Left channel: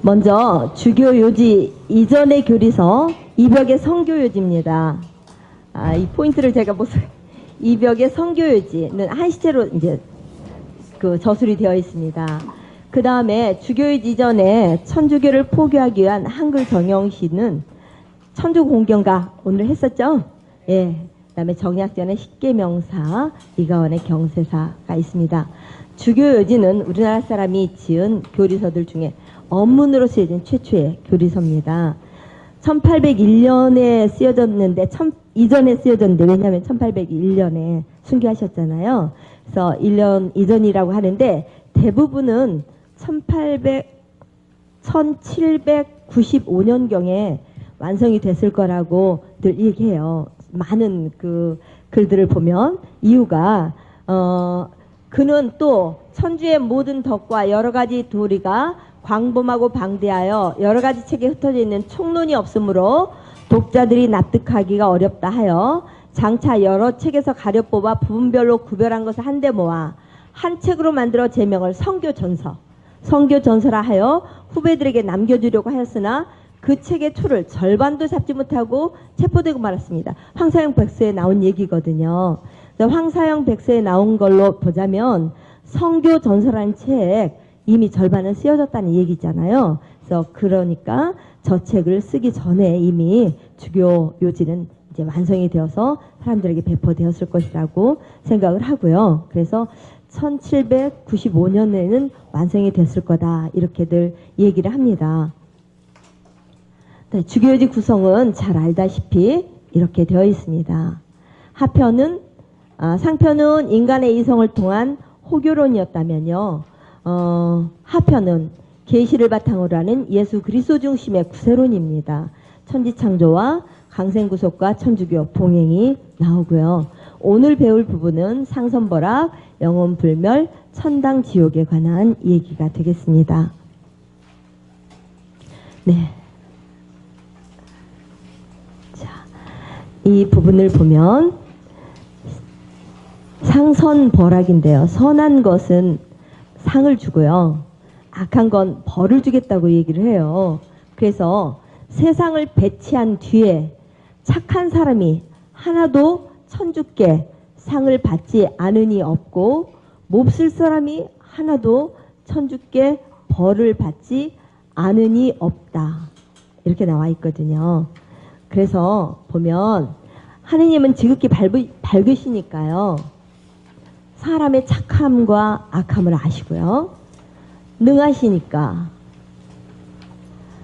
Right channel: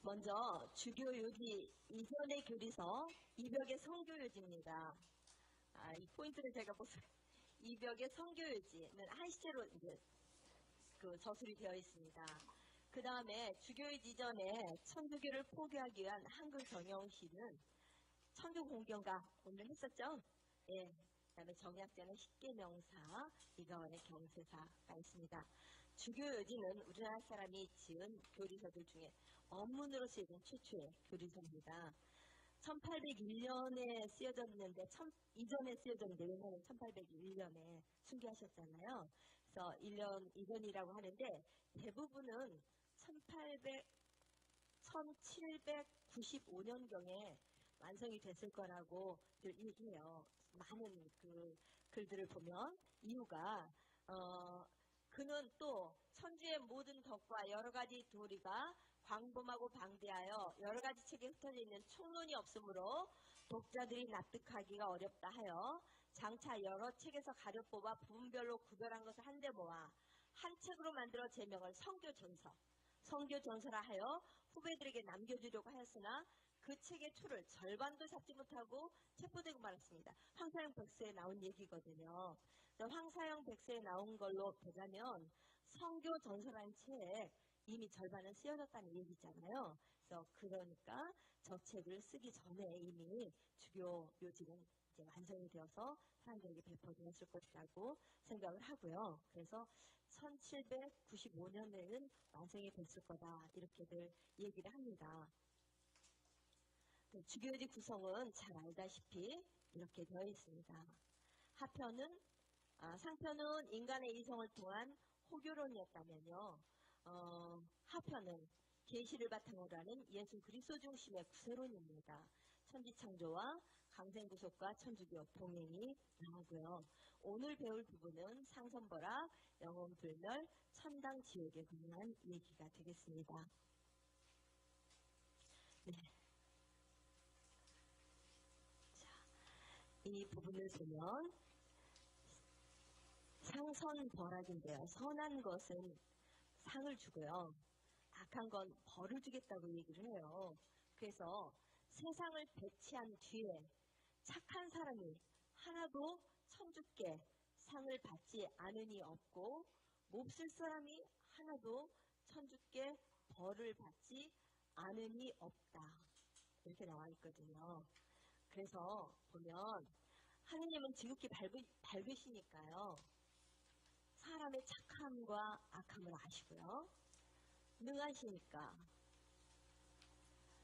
먼저 주교 요지 이전의 교리서 이벽의 성교 요지입니다. 이 포인트를 제가 이벽의 성교 요지는 한 시체로 이제 그 저술이 되어 있습니다. 그 다음에 주교요지 이전에 천주교를 포교하기 위한 한글 정형시는 천주공경가 오늘 했었죠? 예. 그다음에 정약전의 십계명사, 이가원의 경세사가 있습니다. 주교요지는 우리나라 사람이 지은 교리서들 중에 언문으로 쓰여진 최초의 교리서입니다. 1801년에 쓰여졌는데 이전에 쓰여졌는데 왜냐하면 1801년에 순교하셨잖아요. 그래서 1년 이전이라고 하는데 대부분은 1795년경에 완성이 됐을 거라고 늘 얘기해요. 많은 그 글들을 보면 이유가 그는 또 천주의 모든 덕과 여러 가지 도리가 광범하고 방대하여 여러 가지 책에 흩어져 있는 총론이 없으므로 독자들이 납득하기가 어렵다 하여 장차 여러 책에서 가려 뽑아 부분별로 구별한 것을 한데 모아 한 책으로 만들어 제명을 성교전서라 하여 후배들에게 남겨주려고 하였으나 그 책의 토를 절반도 잡지 못하고 체포되고 말았습니다. 황사영 백서에 나온 얘기거든요. 황사영 백서에 나온 걸로 보자면 성교전서라는 책 이미 절반은 쓰여졌다는 얘기잖아요. 그래서 그러니까 저 책을 쓰기 전에 이미 주교 요지는 이제 완성이 되어서 사람들에게 배포되었을 것이라고 생각을 하고요. 그래서 1795년에는 완성이 됐을 거다 이렇게들 얘기를 합니다. 네, 주교요지 구성은 잘 알다시피 이렇게 되어 있습니다. 상편은 인간의 이성을 통한 호교론이었다면요. 하편은 계시를 바탕으로 하는 예수 그리스도 중심의 구세론입니다. 천지창조와 강생구속과 천주교 봉행이 나오고요. 오늘 배울 부분은 상선벌악, 영혼불멸, 천당지옥에 관한 얘기가 되겠습니다. 네. 자, 이 부분을 보면 상선벌악인데요. 선한 것은 상을 주고요. 악한 건 벌을 주겠다고 얘기를 해요. 그래서 세상을 배치한 뒤에 착한 사람이 하나도 천주께 상을 받지 않으니 없고 몹쓸 사람이 하나도 천주께 벌을 받지 않으니 없다. 이렇게 나와 있거든요. 그래서 보면 하느님은 지극히 밝으시니까요. 사람의 착함과 악함을 아시고요. 능하시니까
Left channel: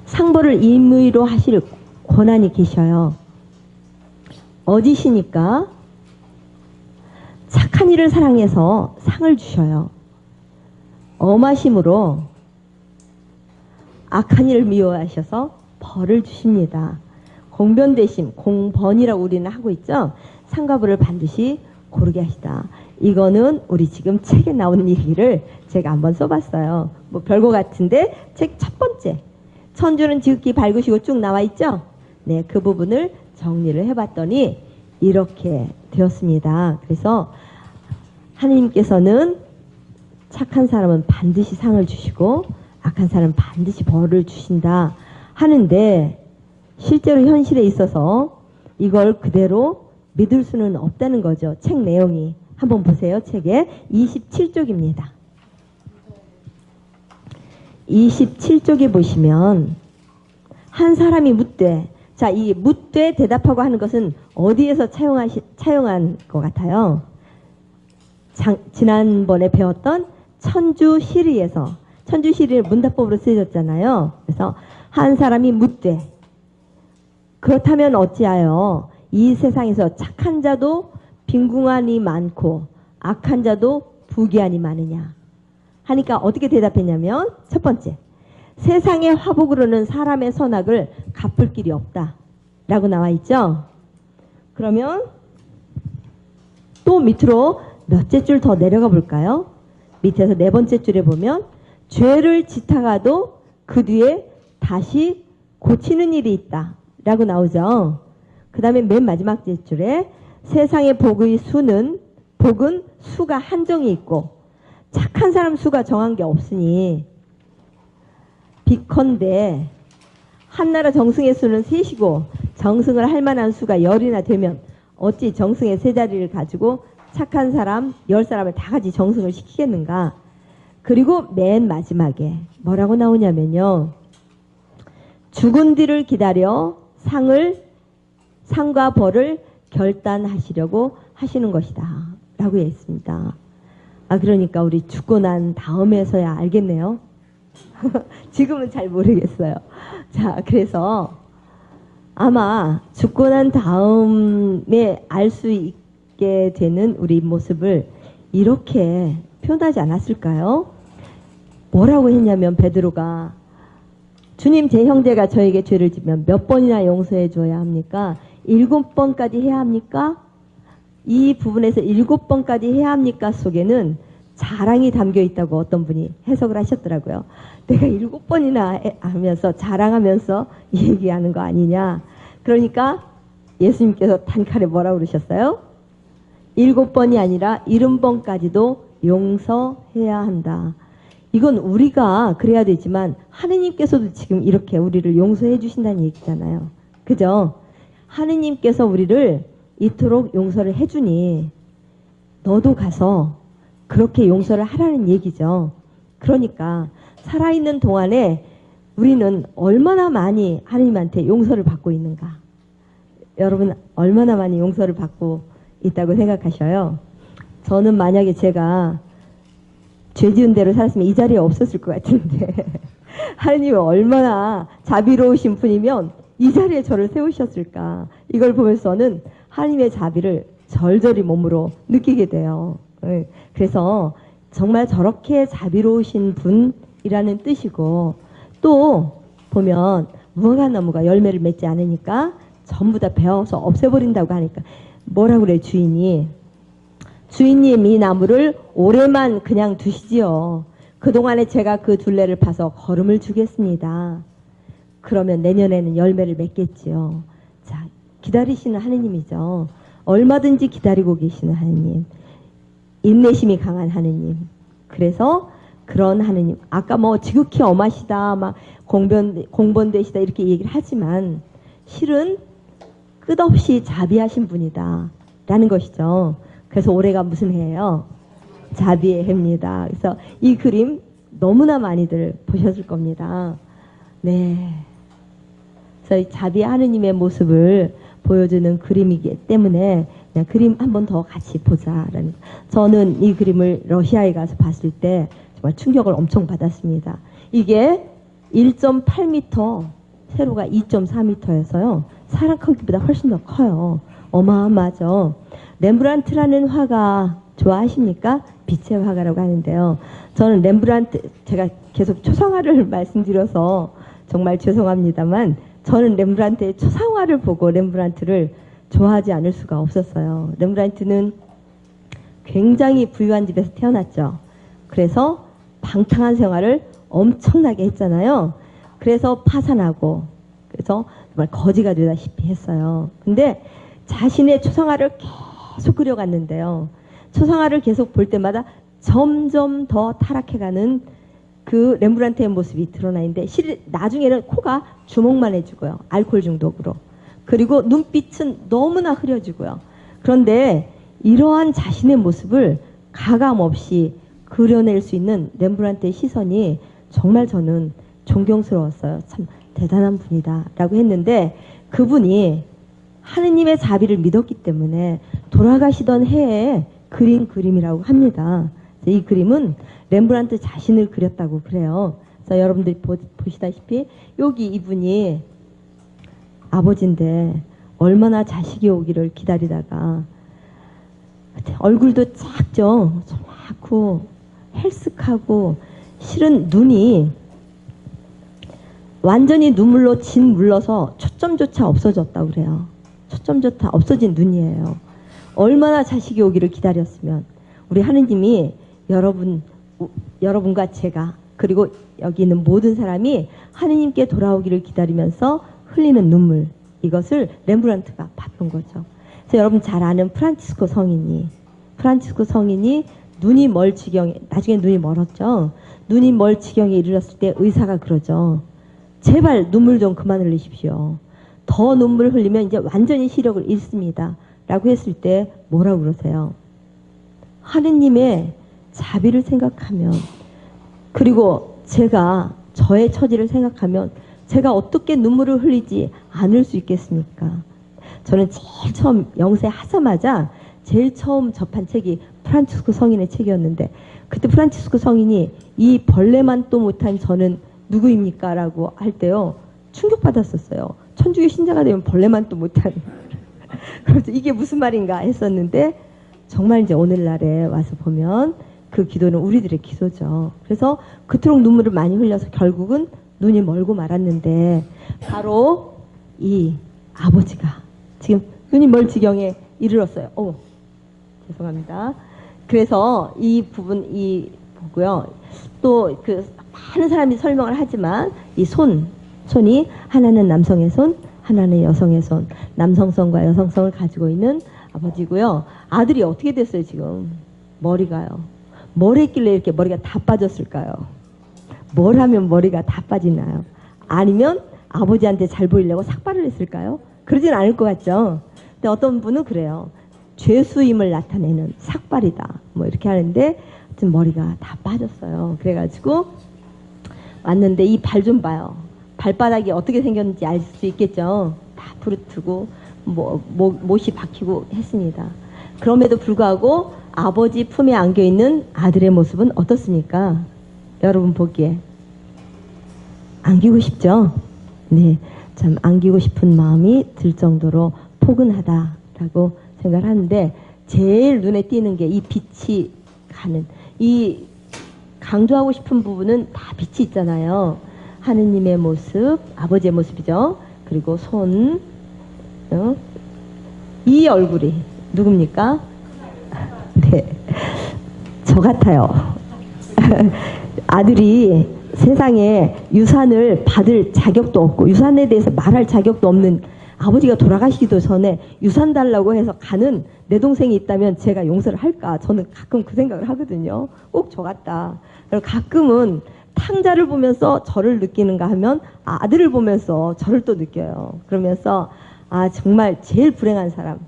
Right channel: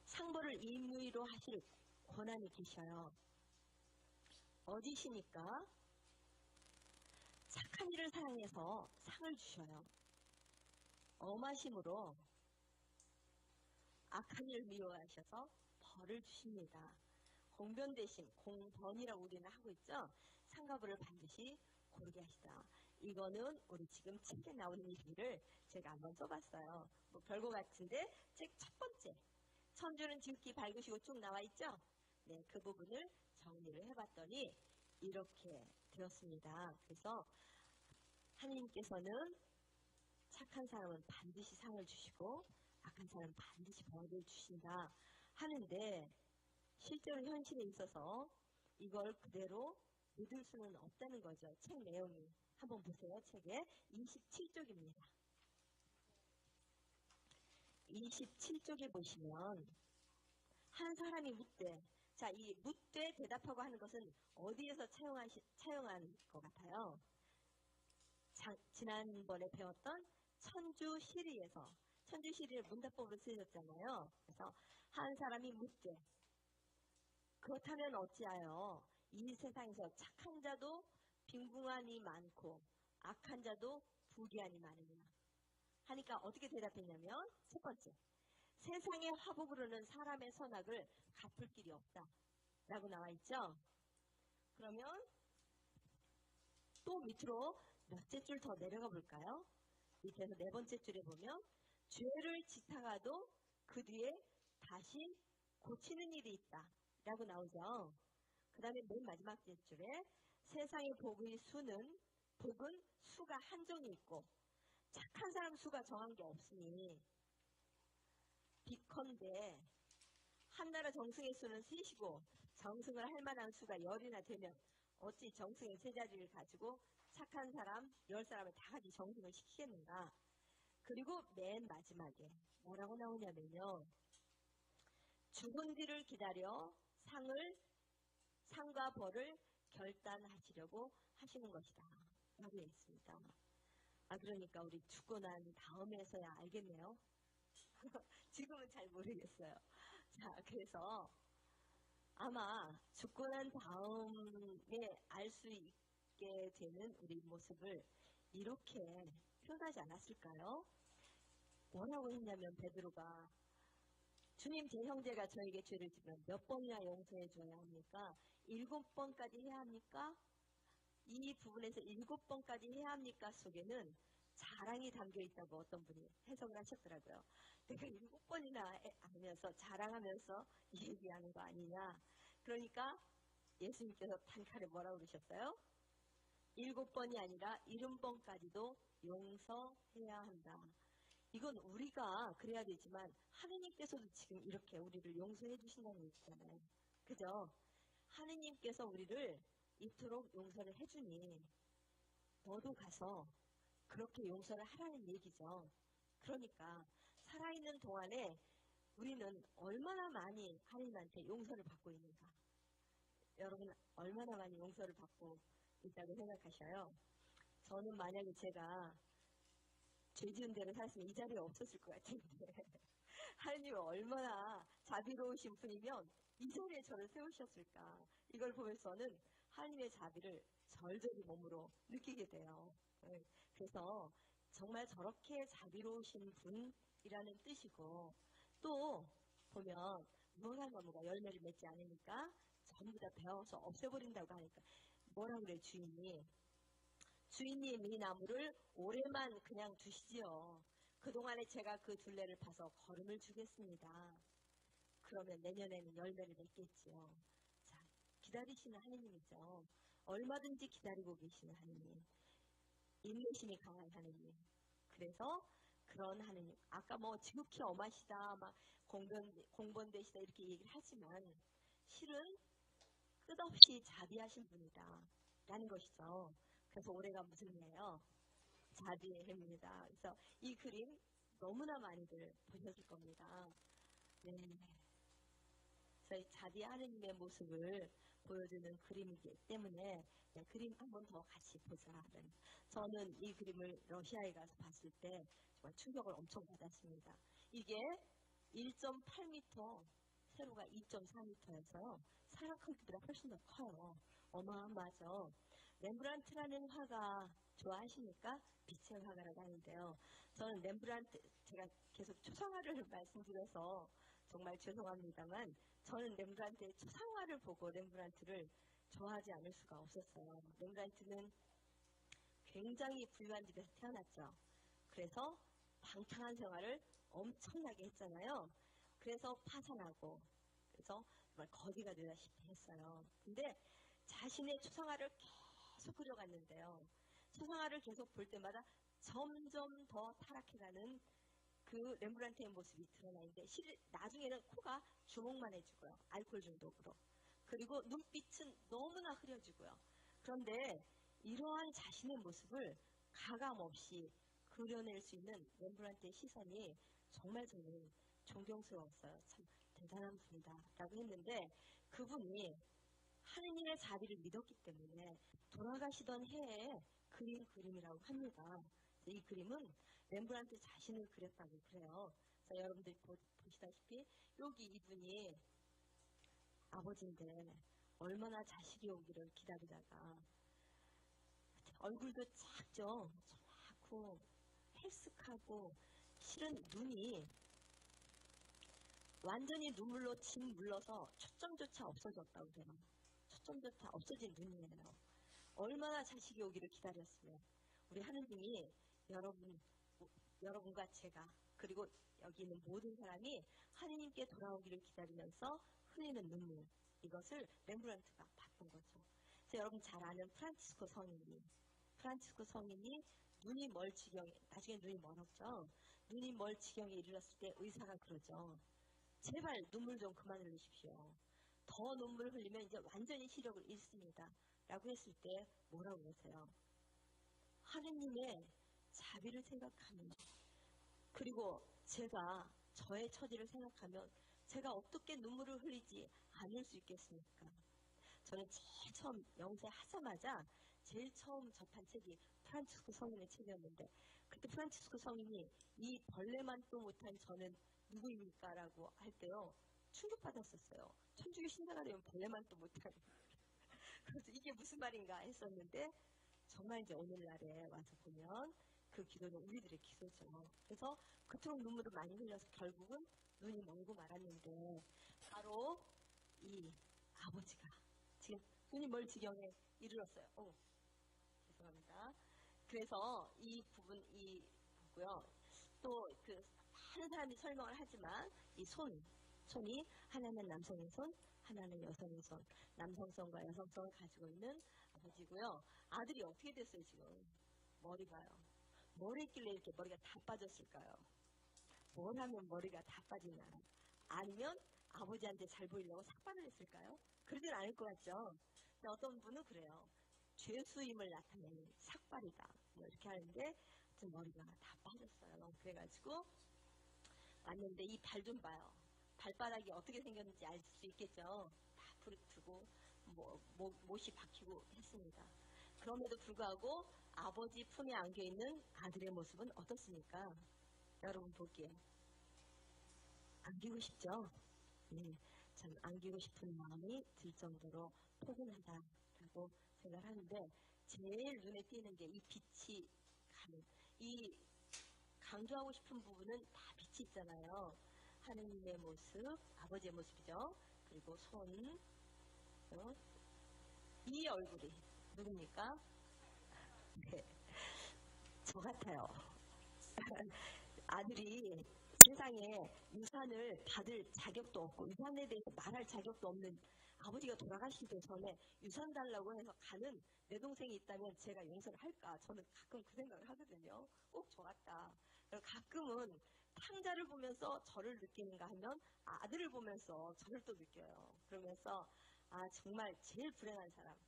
상벌을 임의로 하실 권한이 계셔요. 어지시니까 착한 일을 사랑해서 상을 주셔요. 엄하심으로 악한 일을 미워하셔서 벌을 주십니다. 공변대심, 공번이라고 우리는 하고 있죠. 상과 벌을 반드시 고르게 하시다. 이거는 우리 지금 책에 나오는 얘기를 제가 한번 써봤어요. 뭐 별거 같은데 책 첫 번째 천주는 지극히 밝으시고 쭉 나와 있죠. 네, 그 부분을 정리를 해봤더니 이렇게 되었습니다. 그래서 하느님께서는 착한 사람은 반드시 상을 주시고 악한 사람은 반드시 벌을 주신다 하는데 실제로 현실에 있어서 이걸 그대로 믿을 수는 없다는 거죠. 책 내용이. 한번 보세요. 책에 27쪽입니다. 27쪽에 보시면 한 사람이 묻되, 자, 이 묻되 대답하고 하는 것은 어디에서 차용한 것 같아요? 지난번에 배웠던 천주시리에서, 천주시리를 문답법으로 쓰여졌잖아요. 그래서 한 사람이 묻되, 그렇다면 어찌하여 이 세상에서 착한 자도 빈궁한이 많고 악한 자도 부귀한이 많으냐 하니까 어떻게 대답했냐면 첫 번째, 세상의 화복으로는 사람의 선악을 갚을 길이 없다 라고 나와 있죠. 그러면 또 밑으로 몇째 줄 더 내려가 볼까요? 밑에서 네 번째 줄에 보면 죄를 짓다가도 그 뒤에 다시 고치는 일이 있다 라고 나오죠. 그 다음에 맨 마지막 줄에 세상의 복은 수가 한정이 있고 착한 사람 수가 정한 게 없으니 비컨대 한나라 정승의 수는 셋이고 정승을 할 만한 수가 10이나 되면 어찌 정승의 세 자리를 가지고 착한 사람 10사람을 다 같이 정승을 시키겠는가. 그리고 맨 마지막에 뭐라고 나오냐면요. 죽은 뒤를 기다려 상과 벌을 결단하시려고 하시는 것이다 라고 했습니다. 그러니까 우리 죽고 난 다음에서야 알겠네요. 지금은 잘 모르겠어요. 자, 그래서 아마 죽고 난 다음에 알 수 있게 되는 우리 모습을 이렇게 표현하지 않았을까요? 뭐라고 했냐면 베드로가 주님, 제 형제가 저에게 죄를 지면 몇 번이나 용서해 줘야 합니까? 7번까지 해야 합니까? 이 부분에서 7번까지 해야 합니까? 속에는 자랑이 담겨 있다고 어떤 분이 해석을 하셨더라고요. 내가 7번이나 하면서 자랑하면서 얘기하는 거 아니냐. 그러니까 예수님께서 단칼에 뭐라고 그러셨어요? 7번이 아니라 70번까지도 용서해야 한다. 이건 우리가 그래야 되지만 하느님께서도 지금 이렇게 우리를 용서해 주신다는 얘기잖아요. 그죠? 하느님께서 우리를 이토록 용서를 해주니 너도 가서 그렇게 용서를 하라는 얘기죠. 그러니까 살아있는 동안에 우리는 얼마나 많이 하느님한테 용서를 받고 있는가. 여러분 얼마나 많이 용서를 받고 있다고 생각하셔요? 저는 만약에 제가 죄 지은 대로 살았으면 이 자리에 없었을 것 같은데 하느님은 얼마나 자비로우신 분이면 이 자리에 저를 세우셨을까. 이걸 보면서는 하느님의 자비를 절절히 몸으로 느끼게 돼요. 그래서 정말 저렇게 자비로우신 분이라는 뜻이고, 또 보면 무화과 나무가 열매를 맺지 않으니까 전부 다 베어서 없애버린다고 하니까 뭐라고 그래 주인이. 주인님, 이 나무를 올해만 그냥 두시지요. 그동안에 제가 그 둘레를 파서 거름을 주겠습니다. 그러면 내년에는 열매를 맺겠지요. 자, 기다리시는 하느님이죠. 얼마든지 기다리고 계시는 하느님. 인내심이 강한 하느님. 그래서 그런 하느님. 아까 뭐 지극히 엄하시다, 막 공변되시다 이렇게 얘기를 하지만 실은 끝없이 자비하신 분이다 라는 것이죠. 그래서 올해가 무슨 해예요? 자비의 해입니다. 그래서 이 그림 너무나 많이들 보셨을 겁니다. 네. 그래서 이 자비 하느님의 모습을 보여주는 그림이기 때문에 그냥 그림 한 번 더 같이 보자라는. 저는 이 그림을 러시아에 가서 봤을 때 정말 충격을 엄청 받았습니다. 이게 1.8m, 세로가 2.4m여서요. 사람 크기보다 훨씬 더 커요. 어마어마하죠. 렘브란트라는 화가 좋아하십니까? 빛의 화가라고 하는데요. 저는 렘브란트, 제가 계속 초상화를 말씀드려서 정말 죄송합니다만 저는 렘브란트의 초상화를 보고 렘브란트를 좋아하지 않을 수가 없었어요. 렘브란트는 굉장히 부유한 집에서 태어났죠. 그래서 방탕한 생활을 엄청나게 했잖아요. 그래서 파산하고 그래서 정말 거지가 되다시피 했어요. 근데 자신의 초상화를 계속 그려갔는데요. 초상화를 계속 볼 때마다 점점 더 타락해가는 그 렘브란트의 모습이 드러나 있는데 나중에는 코가 주먹만 해주고요. 알코올 중독으로. 그리고 눈빛은 너무나 흐려지고요. 그런데 이러한 자신의 모습을 가감없이 그려낼 수 있는 렘브란트의 시선이 정말 저는 존경스러웠어요. 참 대단한 분이다 라고 했는데 그분이 하느님의 자비를 믿었기 때문에 돌아가시던 해에 그린 그림이라고 합니다. 이 그림은 렘브란트 자신을 그렸다고 그래요. 그래서 여러분들이 보시다시피 여기 이분이 아버지인데 얼마나 자식이 오기를 기다리다가 얼굴도 작죠. 작고 헬쓱하고 실은 눈이 완전히 눈물로 짓물러서 초점조차 없어졌다고 그래요. 초점조차 없어진 눈이에요. 얼마나 자식이 오기를 기다렸으면 우리 하느님이 여러분과 제가 그리고 여기 있는 모든 사람이 하느님께 돌아오기를 기다리면서 흘리는 눈물, 이것을 렘브란트가 봤던 거죠. 그래서 여러분 잘 아는 프란치스코 성인이 눈이 멀 지경에 나중에 눈이 멀었죠. 눈이 멀 지경에 이르렀을 때 의사가 그러죠. 제발 눈물 좀 그만 흘리십시오. 더 눈물 흘리면 이제 완전히 시력을 잃습니다. 라고 했을 때 뭐라고 그러세요? 하느님의 자비를 생각하면, 그리고 제가 저의 처지를 생각하면 제가 어떻게 눈물을 흘리지 않을 수 있겠습니까? 저는 제일 처음 영세하자마자 제일 처음 접한 책이 프란치스코 성인의 책이었는데, 그때 프란치스코 성인이 이 벌레만 또 못한 저는 누구입니까? 라고 할 때요, 충격받았었어요. 천주교 신자가 되면 벌레만 또 못한. 그래서 이게 무슨 말인가 했었는데, 정말 이제 오늘날에 와서 보면 그 기도는 우리들의 기도죠. 그래서 그토록 눈물을 많이 흘려서 결국은 눈이 멀고 말았는데, 바로 이 아버지가 지금 눈이 멀 지경에 이르렀어요. 죄송합니다. 그래서 이 부분 보고요. 또 그 많은 사람이 설명을 하지만 이 손이 하나는 남성의 손, 하나는 여성의 손, 남성성과 여성성을 가지고 있는 아버지고요. 아들이 어떻게 됐어요 지금? 머리가요. 뭘 했길래 이렇게 머리가 다 빠졌을까요? 뭘 하면 머리가 다 빠지나요? 아니면 아버지한테 잘 보이려고 삭발을 했을까요? 그러진 않을 것 같죠. 근데 어떤 분은 그래요. 죄수임을 나타내는 삭발이다. 뭐 이렇게 하는데 지금 머리가 다 빠졌어요. 그래가지고 왔는데 이 발 좀 봐요. 발바닥이 어떻게 생겼는지 알 수 있겠죠. 다 부르트고 못이 박히고 했습니다. 그럼에도 불구하고 아버지 품에 안겨있는 아들의 모습은 어떻습니까? 여러분 보기에 안기고 싶죠? 네, 참 안기고 싶은 마음이 들 정도로 포근하다라고 생각을 하는데, 제일 눈에 띄는 게 이 빛이 가는, 이 강조하고 싶은 부분은 다 빛이 있잖아요. 하느님의 모습, 아버지의 모습이죠. 그리고 손, 이 얼굴이 누굽니까? 네, 저 같아요. 아들이 세상에 유산을 받을 자격도 없고 유산에 대해서 말할 자격도 없는 아버지가 돌아가시기도 전에 유산 달라고 해서 가는 내 동생이 있다면 제가 용서를 할까? 저는 가끔 그 생각을 하거든요. 꼭 저 같다. 그리고 가끔은 탕자를 보면서 저를 느끼는가 하면 아들을 보면서 저를 또 느껴요. 그러면서 정말 제일 불행한 사람,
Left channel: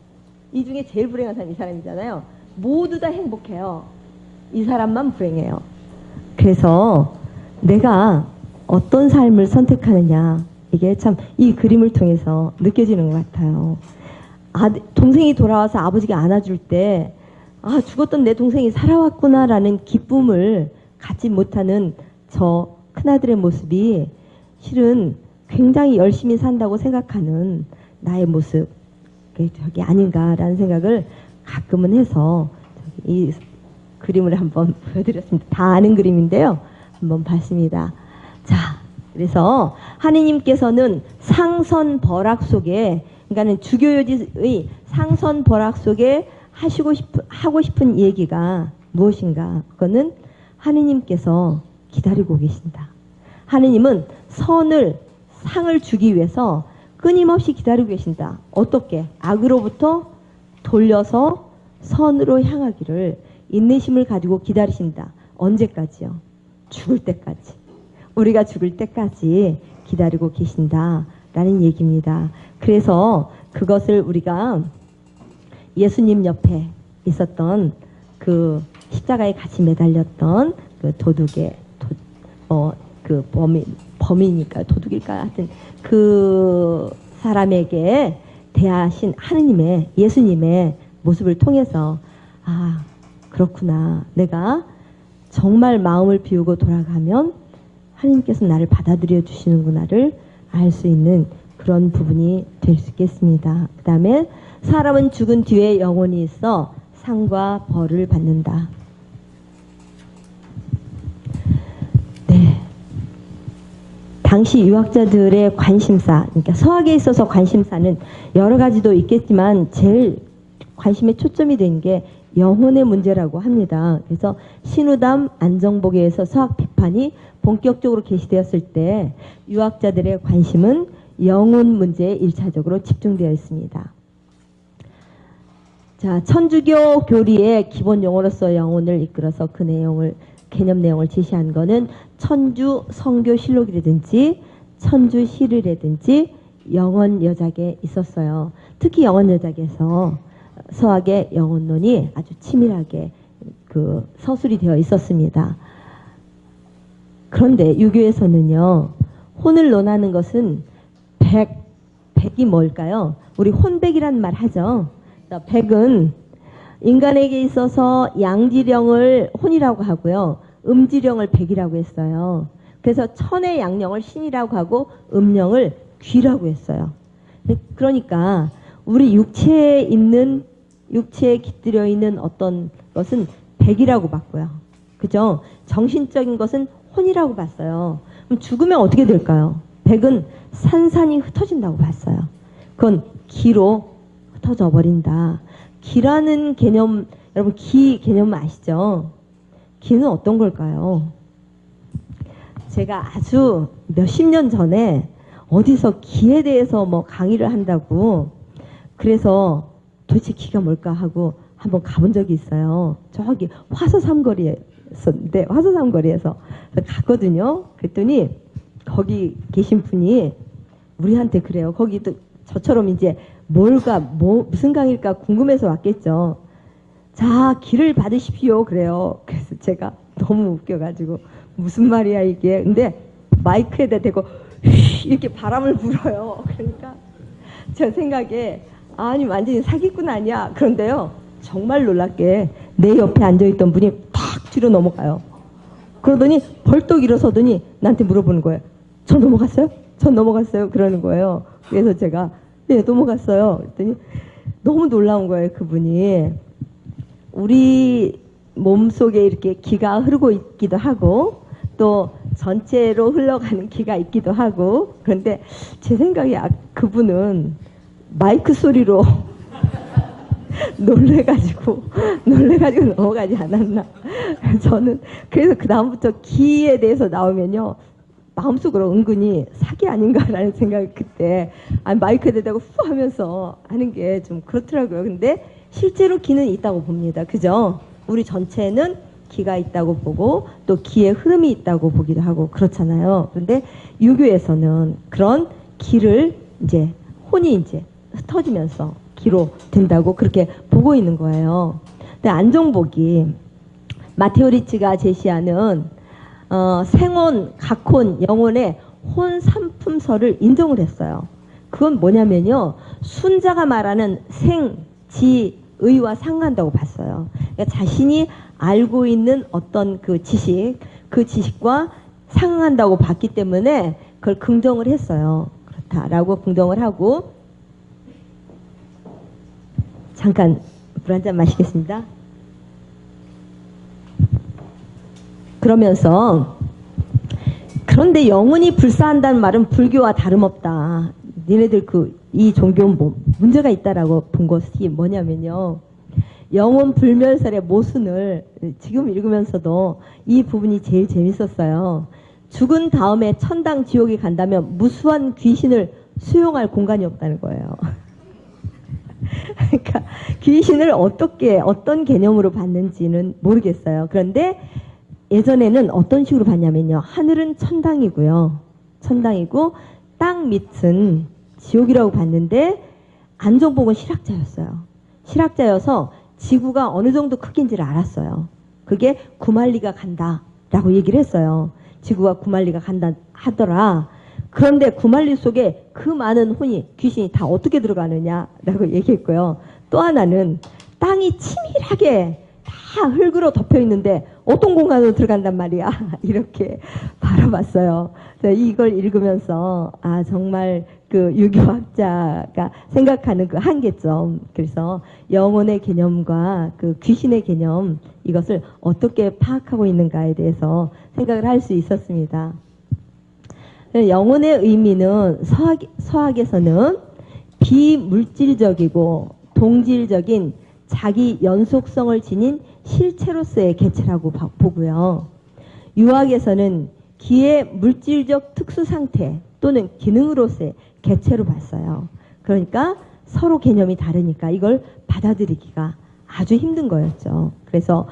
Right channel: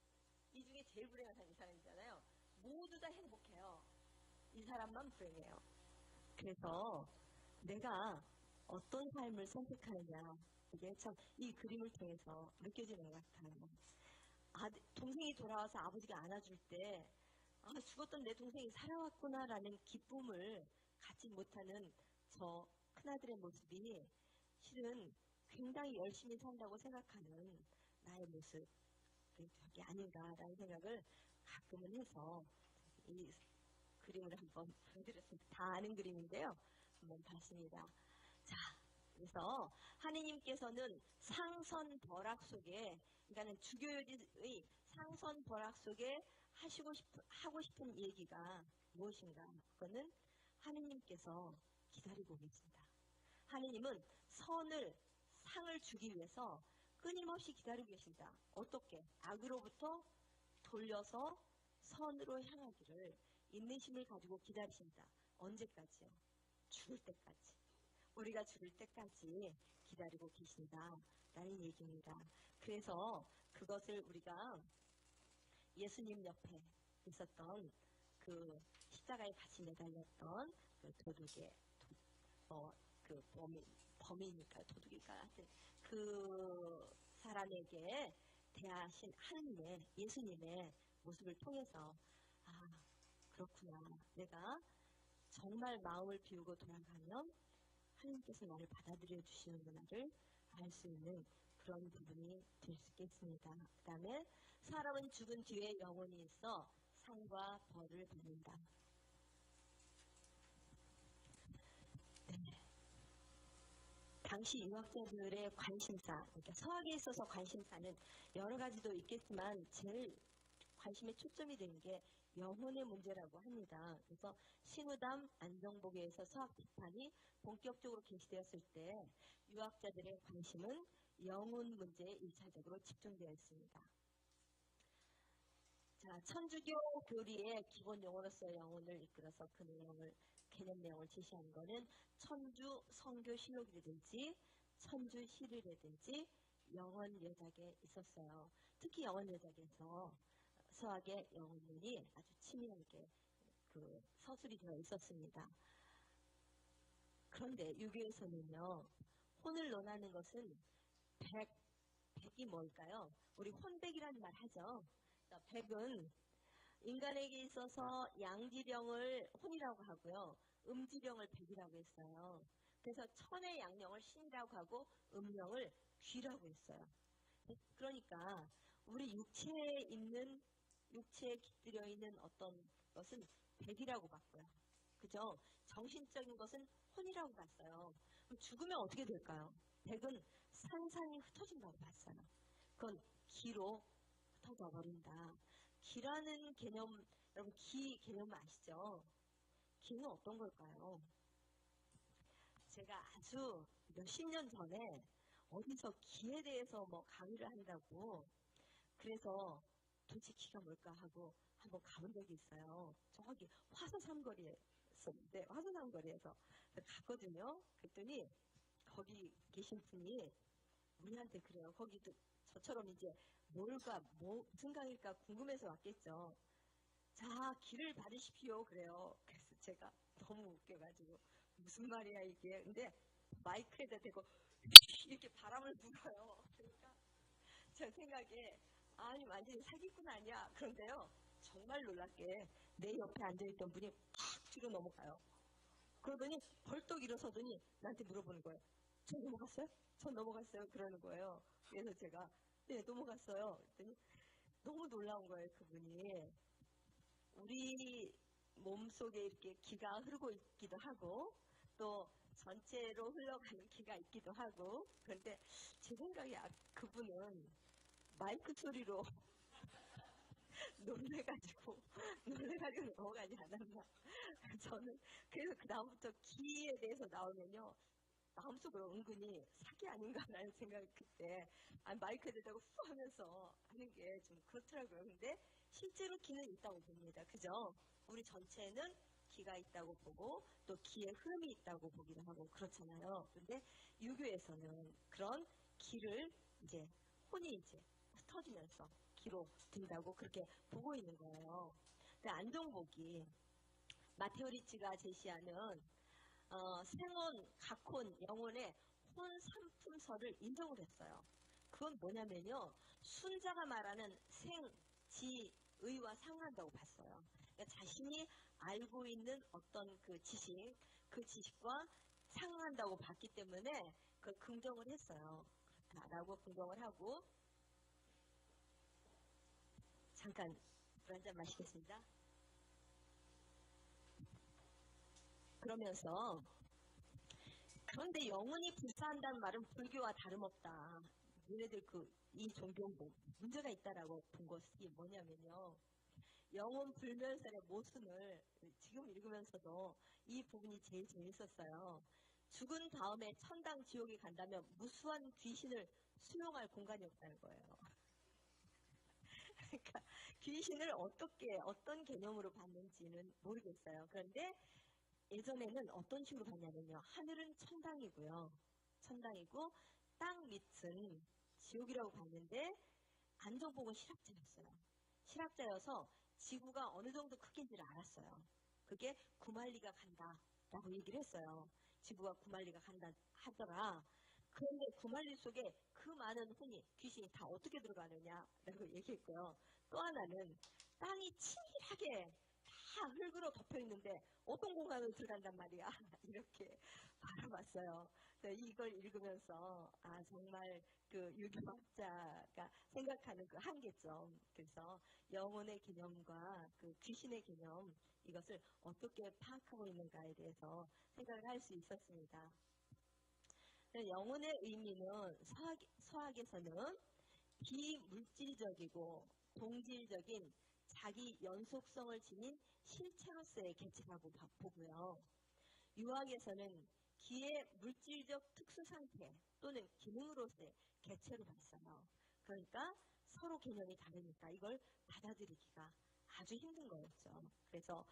이 중에 제일 불행한 사람이 이 사람이잖아요. 모두 다 행복해요. 이 사람만 불행해요. 그래서 내가 어떤 삶을 선택하느냐, 이게 참 이 그림을 통해서 느껴지는 것 같아요. 동생이 돌아와서 아버지가 안아줄 때 죽었던 내 동생이 살아왔구나라는 기쁨을 갖지 못하는 저 큰아들의 모습이 실은 굉장히 열심히 산다고 생각하는 나의 모습, 저게 아닌가라는 생각을 가끔은 해서 이 그림을 한번 보여드렸습니다. 다 아는 그림인데요. 한번 봤습니다. 자, 그래서 하느님께서는 상선벌악 속에, 그러니까는 주교요지의 상선벌악 속에 하고 싶은 얘기가 무엇인가? 그거는 하느님께서 기다리고 계신다. 하느님은 상을 주기 위해서 끊임없이 기다리고 계신다. 어떻게? 악으로부터 돌려서 선으로 향하기를 인내심을 가지고 기다리신다. 언제까지요? 죽을 때까지. 우리가 죽을 때까지 기다리고 계신다라는 얘기입니다. 그래서 그것을 우리가 예수님 옆에 있었던 그 십자가에 같이 매달렸던 그 도둑의 그 범인일까 도둑일까 하여튼 그 사람에게 대하신 하느님의, 예수님의 모습을 통해서 그렇구나, 내가 정말 마음을 비우고 돌아가면 하느님께서 나를 받아들여 주시는구나를 알 수 있는 그런 부분이 될 수 있겠습니다. 그 다음에 사람은 죽은 뒤에 영혼이 있어 상과 벌을 받는다. 네, 당시 유학자들의 관심사, 그러니까 서학에 있어서 관심사는 여러 가지도 있겠지만 제일 관심의 초점이 된 게 영혼의 문제라고 합니다. 그래서 신우담 안정복에서 서학 비판이 본격적으로 게시되었을 때 유학자들의 관심은 영혼 문제에 1차적으로 집중되어 있습니다. 자, 천주교 교리의 기본 용어로서 영혼을 이끌어서 그 내용을 개념 내용을 제시한 거는 천주 성교실록이라든지 천주시리라든지 영원여작에 있었어요. 특히 영원여작에서 서학의 영혼론이 아주 치밀하게 그 서술이 되어 있었습니다. 그런데 유교에서는요, 혼을 논하는 것은 백이 뭘까요? 우리 혼백이라는 말 하죠. 백은 인간에게 있어서 양지령을 혼이라고 하고요, 음지령을 백이라고 했어요. 그래서 천의 양령을 신이라고 하고 음령을 귀라고 했어요. 그러니까 우리 육체에 깃들여 있는 어떤 것은 백이라고 봤고요. 그죠? 정신적인 것은 혼이라고 봤어요. 그럼 죽으면 어떻게 될까요? 백은 산산이 흩어진다고 봤어요. 그건 기로 흩어져 버린다. 기라는 개념, 여러분 기 개념 아시죠? 기는 어떤 걸까요? 제가 아주 몇십 년 전에 어디서 기에 대해서 뭐 강의를 한다고, 그래서 도대체 기가 뭘까 하고 한번 가본 적이 있어요. 저기 화서삼거리였는데, 화서삼거리에서 갔거든요. 그랬더니 거기 계신 분이 우리한테 그래요. 거기도 저처럼 이제 무슨 강의일까 궁금해서 왔겠죠. 자, 기를 받으십시오. 그래요. 그래서 제가 너무 웃겨가지고 무슨 말이야 이게. 근데 마이크에다 대고 이렇게 바람을 불어요. 그러니까 제 생각에 아니 완전히 사기꾼 아니야. 그런데요, 정말 놀랍게 내 옆에 앉아있던 분이 탁 뒤로 넘어가요. 그러더니 벌떡 일어서더니 나한테 물어보는 거예요. 저 넘어갔어요? 전 넘어갔어요? 그러는 거예요. 그래서 제가 네, 넘어갔어요. 그랬더니 너무 놀라운 거예요. 그분이 우리 몸속에 이렇게 기가 흐르고 있기도 하고 또 전체로 흘러가는 기가 있기도 하고, 그런데 제 생각에 그분은 마이크 소리로 놀래가지고 넘어가지 않았나. 저는 그래서 그 다음부터 기에 대해서 나오면요, 마음속으로 은근히 사기 아닌가라는 생각이 그때 마이크에 대고 후 하면서 하는 게 좀 그렇더라고요. 근데 실제로 기는 있다고 봅니다. 그죠? 우리 전체는 기가 있다고 보고 또 기의 흐름이 있다고 보기도 하고 그렇잖아요. 그런데 유교에서는 그런 기를 이제 혼이 이제 흩어지면서 기로 된다고 그렇게 보고 있는 거예요. 근데 안종복이 마테오 리치가 제시하는 생혼, 각혼, 영혼의 혼 삼품설을 인정을 했어요. 그건 뭐냐면요, 순자가 말하는 생, 지, 의와 상한다고 봤어요. 그러니까 자신이 알고 있는 어떤 그 지식과 상한다고 봤기 때문에 그걸 긍정을 했어요. 그렇다라고 긍정을 하고, 잠깐 물 한 잔 마시겠습니다. 그러면서 그런데 영혼이 불사한다는 말은 불교와 다름없다. 니네들 이 종교는 뭐 문제가 있다라고 본 것이 뭐냐면요, 영혼 불멸설의 모순을 지금 읽으면서도 이 부분이 제일 재밌었어요. 죽은 다음에 천당 지옥에 간다면 무수한 귀신을 수용할 공간이 없다는 거예요. 그러니까 귀신을 어떤 개념으로 봤는지는 모르겠어요. 그런데 예전에는 어떤 식으로 봤냐면요, 하늘은 천당이고요, 천당이고 땅 밑은 지옥이라고 봤는데, 안종복은 실학자였어요. 실학자여서 지구가 어느 정도 크기인지를 알았어요. 그게 9만리가 간다라고 얘기를 했어요. 지구가 9만리가 간다 하더라. 그런데 9만리 속에 그 많은 귀신이 다 어떻게 들어가느냐라고 얘기했고요. 또 하나는 땅이 치밀하게 다 흙으로 덮여 있는데 어떤 공간으로 들어간단 말이야. 이렇게 바라봤어요. 이걸 읽으면서 정말 그 유교학자가 생각하는 그 한계점, 그래서 영혼의 개념과 그 귀신의 개념, 이것을 어떻게 파악하고 있는가에 대해서 생각을 할 수 있었습니다. 영혼의 의미는 서학에서는 비물질적이고 동질적인 자기 연속성을 지닌 실체로서의 개체라고 보고요. 유학에서는 기의 물질적 특수 상태 또는 기능으로서의 개체로 봤어요. 그러니까 서로 개념이 다르니까 이걸 받아들이기가 아주 힘든 거였죠. 그래서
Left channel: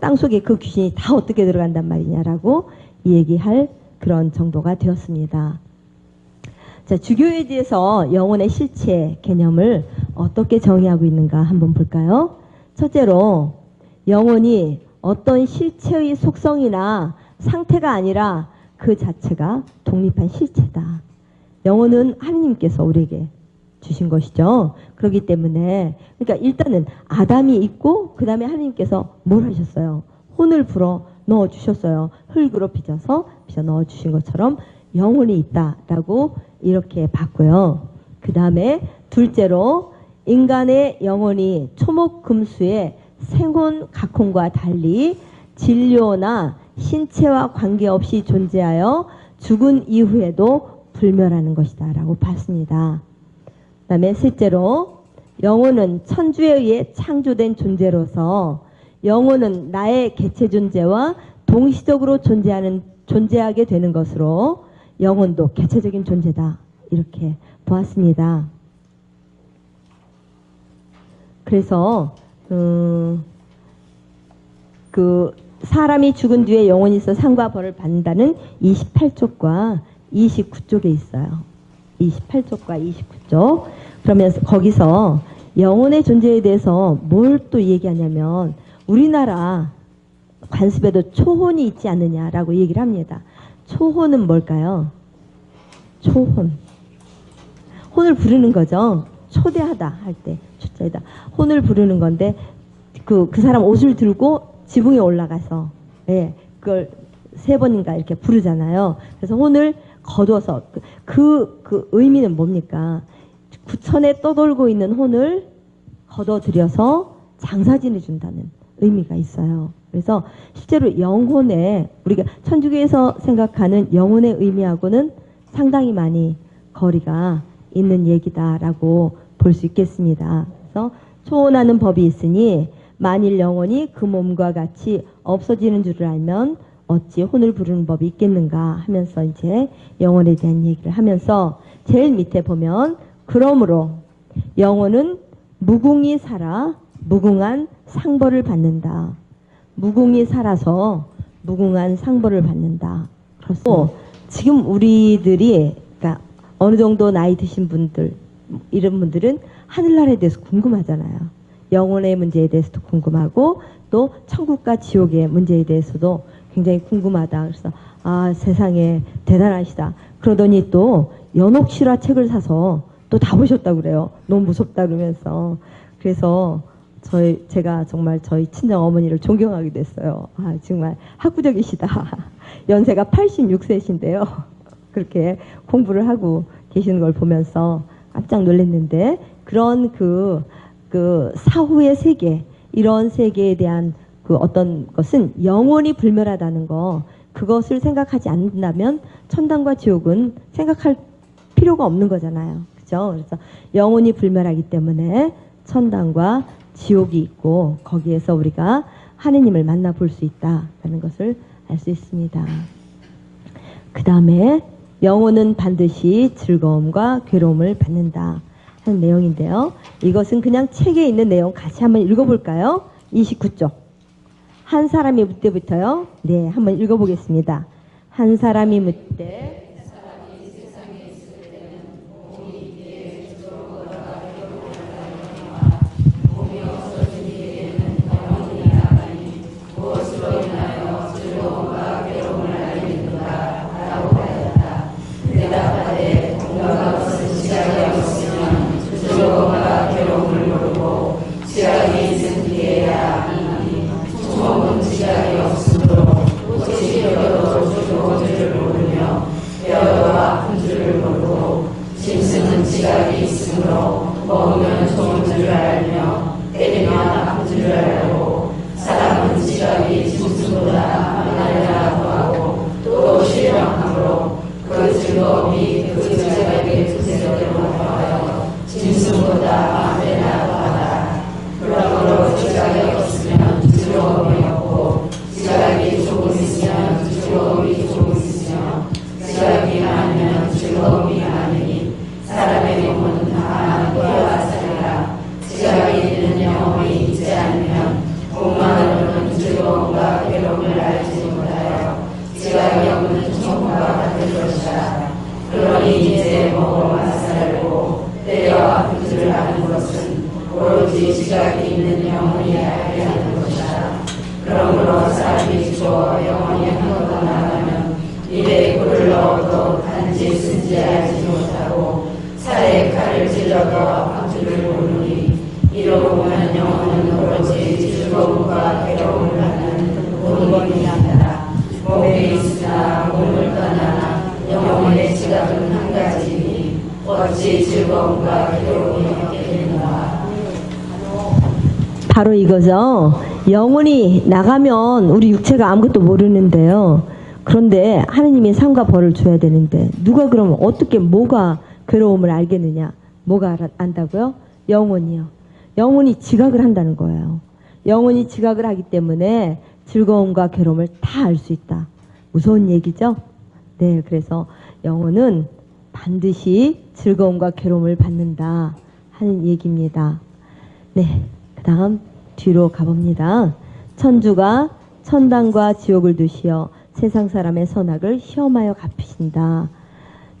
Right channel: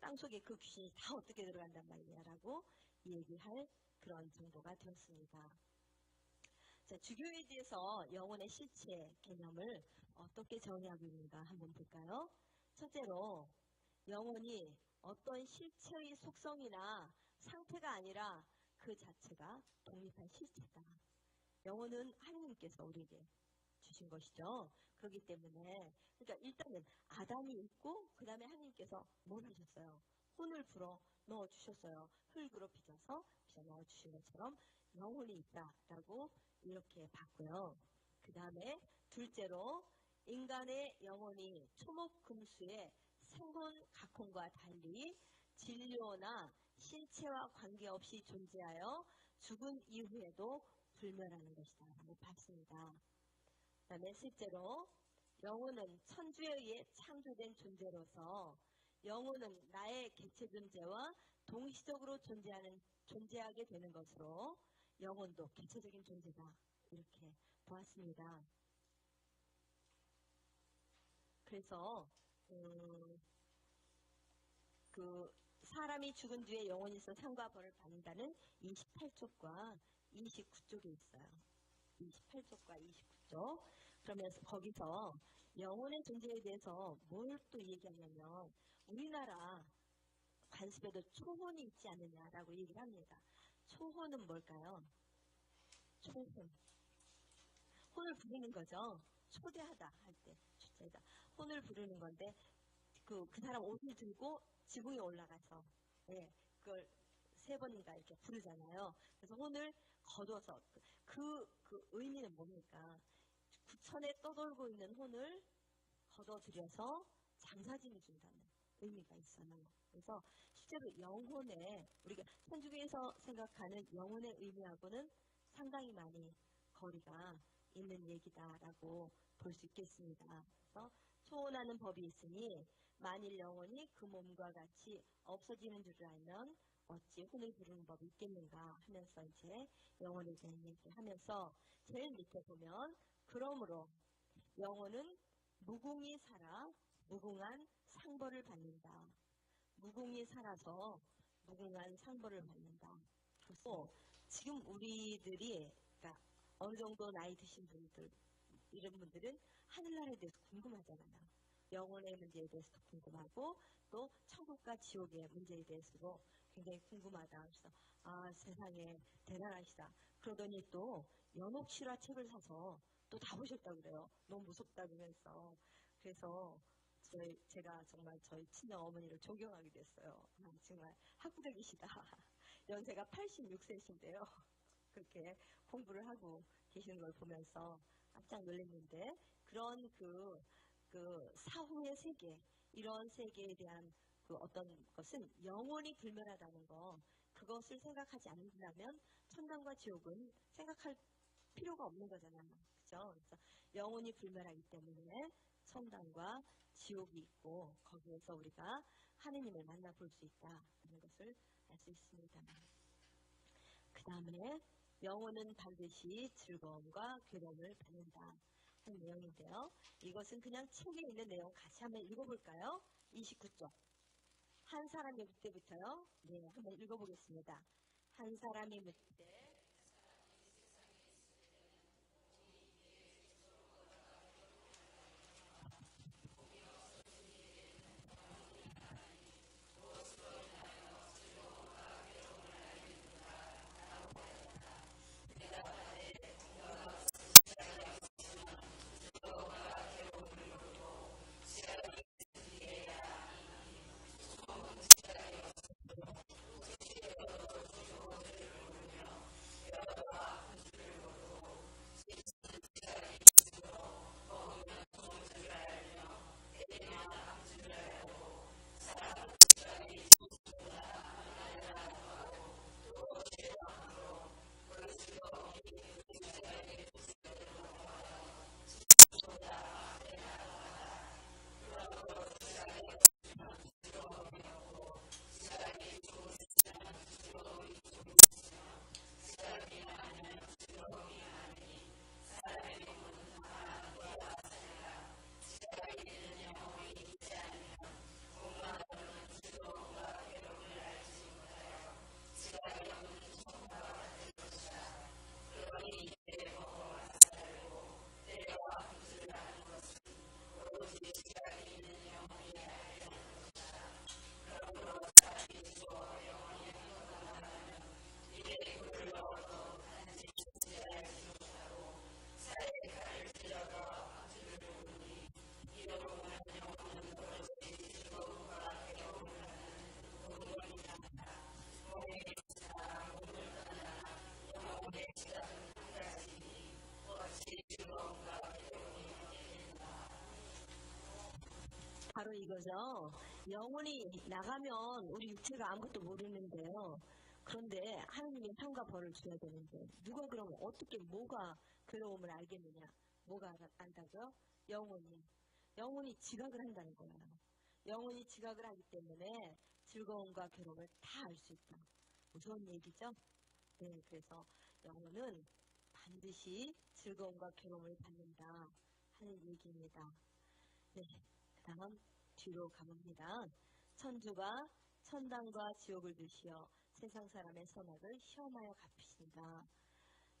땅속에 그 귀신이 다 어떻게 들어간단 말이냐라고 얘기할 그런 정도가 되었습니다. 자, 주교에 대해서 영혼의 실체 개념을 어떻게 정의하고 있는가 한번 볼까요? 첫째로 영혼이 어떤 실체의 속성이나 상태가 아니라 그 자체가 독립한 실체다. 영혼은 하느님께서 우리에게 주신 것이죠. 그렇기 때문에 그러니까 일단은 아담이 있고 그 다음에 하느님께서 뭘 하셨어요? 혼을 불어 넣어 주셨어요. 흙으로 빚어 넣어 주신 것처럼 영혼이 있다라고 이렇게 봤고요. 그 다음에 둘째로 인간의 영혼이 초목금수의 생혼 각혼과 달리 진료나 신체와 관계없이 존재하여 죽은 이후에도 불멸하는 것이다 라고 봤습니다. 그 다음에 셋째로 영혼은 천주에 의해 창조된 존재로서 영혼은 나의 개체 존재와 동시적으로 존재하게 되는 것으로 영혼도 개체적인 존재다 이렇게 보았습니다. 그래서 그 사람이 죽은 뒤에 영혼이 있어 상과 벌을 받는다는 28쪽과 29쪽에 있어요. 28쪽과 29쪽. 그러면서 거기서 영혼의 존재에 대해서 뭘 또 얘기하냐면 우리나라 관습에도 초혼이 있지 않느냐라고 얘기를 합니다. 초혼은 뭘까요? 초혼. 혼을 부르는 거죠. 초대하다 할 때 초자이다. 혼을 부르는 건데 그 사람 옷을 들고 지붕에 올라가서 그걸 3번인가 이렇게 부르잖아요. 그래서 혼을 거둬서 그 의미는 뭡니까? 구천에 떠돌고 있는 혼을 거둬들여서 장사 지내준다는 의미가 있어요. 그래서 실제로 영혼에 우리가 천주교에서 생각하는 영혼의 의미하고는 상당히 많이 거리가 있는 얘기다라고 볼 수 있겠습니다. 그래서 초혼하는 법이 있으니 만일 영혼이 그 몸과 같이 없어지는 줄을 알면 어찌 혼을 부르는 법이 있겠는가 하면서 이제 영혼에 대한 얘기를 하면서 제일 밑에 보면 그러므로 영혼은 무궁히 살아 무궁한 상벌을 받는다. 무궁히 살아서 무궁한 상벌을 받는다. 그래서 지금 우리들이 그러니까 어느 정도 나이 드신 분들 이런 분들은 하늘나라에 대해서 궁금하잖아요. 영혼의 문제에 대해서도 궁금하고 또 천국과 지옥의 문제에 대해서도 굉장히 궁금하다. 그래서 아 세상에 대단하시다. 그러더니 또 연옥실화 책을 사서 또 다 보셨다고 그래요. 너무 무섭다 그러면서. 그래서 제가 정말 저희 친정 어머니를 존경하게 됐어요. 아 정말 학구적이시다. 연세가 86세신데요. 그렇게 공부를 하고 계시는 걸 보면서 깜짝 놀랐는데 그런 그 사후의 세계 이런 세계에 대한 그 어떤 것은 영원히 불멸하다는 거 그것을 생각하지 않는다면 천당과 지옥은 생각할 필요가 없는 거잖아요. 그죠? 그래서 영원히 불멸하기 때문에 천당과 지옥이 있고 거기에서 우리가 하느님을 만나볼 수 있다라는 것을 알 수 있습니다. 그 다음에 영혼은 반드시 즐거움과 괴로움을 받는다 하는 내용인데요. 이것은 그냥 책에 있는 내용 같이 한번 읽어볼까요? 29쪽. 한 사람이 묻때부터요. 네, 한번 읽어보겠습니다. 한 사람이 묻되 바로 이거죠. 영혼이 나가면 우리 육체가 아무것도 모르는데요. 그런데 하느님이 상과 벌을 줘야 되는데 누가 그러면 어떻게 뭐가 괴로움을 알겠느냐? 뭐가 안다고요? 영혼이요. 영혼이 지각을 한다는 거예요. 영혼이 지각을 하기 때문에 즐거움과 괴로움을 다 알 수 있다. 무서운 얘기죠? 네, 그래서 영혼은 반드시 즐거움과 괴로움을 받는다 하는 얘기입니다. 네, 그 다음 뒤로 가봅니다. 천주가 천당과 지옥을 두시어 세상 사람의 선악을 시험하여 갚으신다.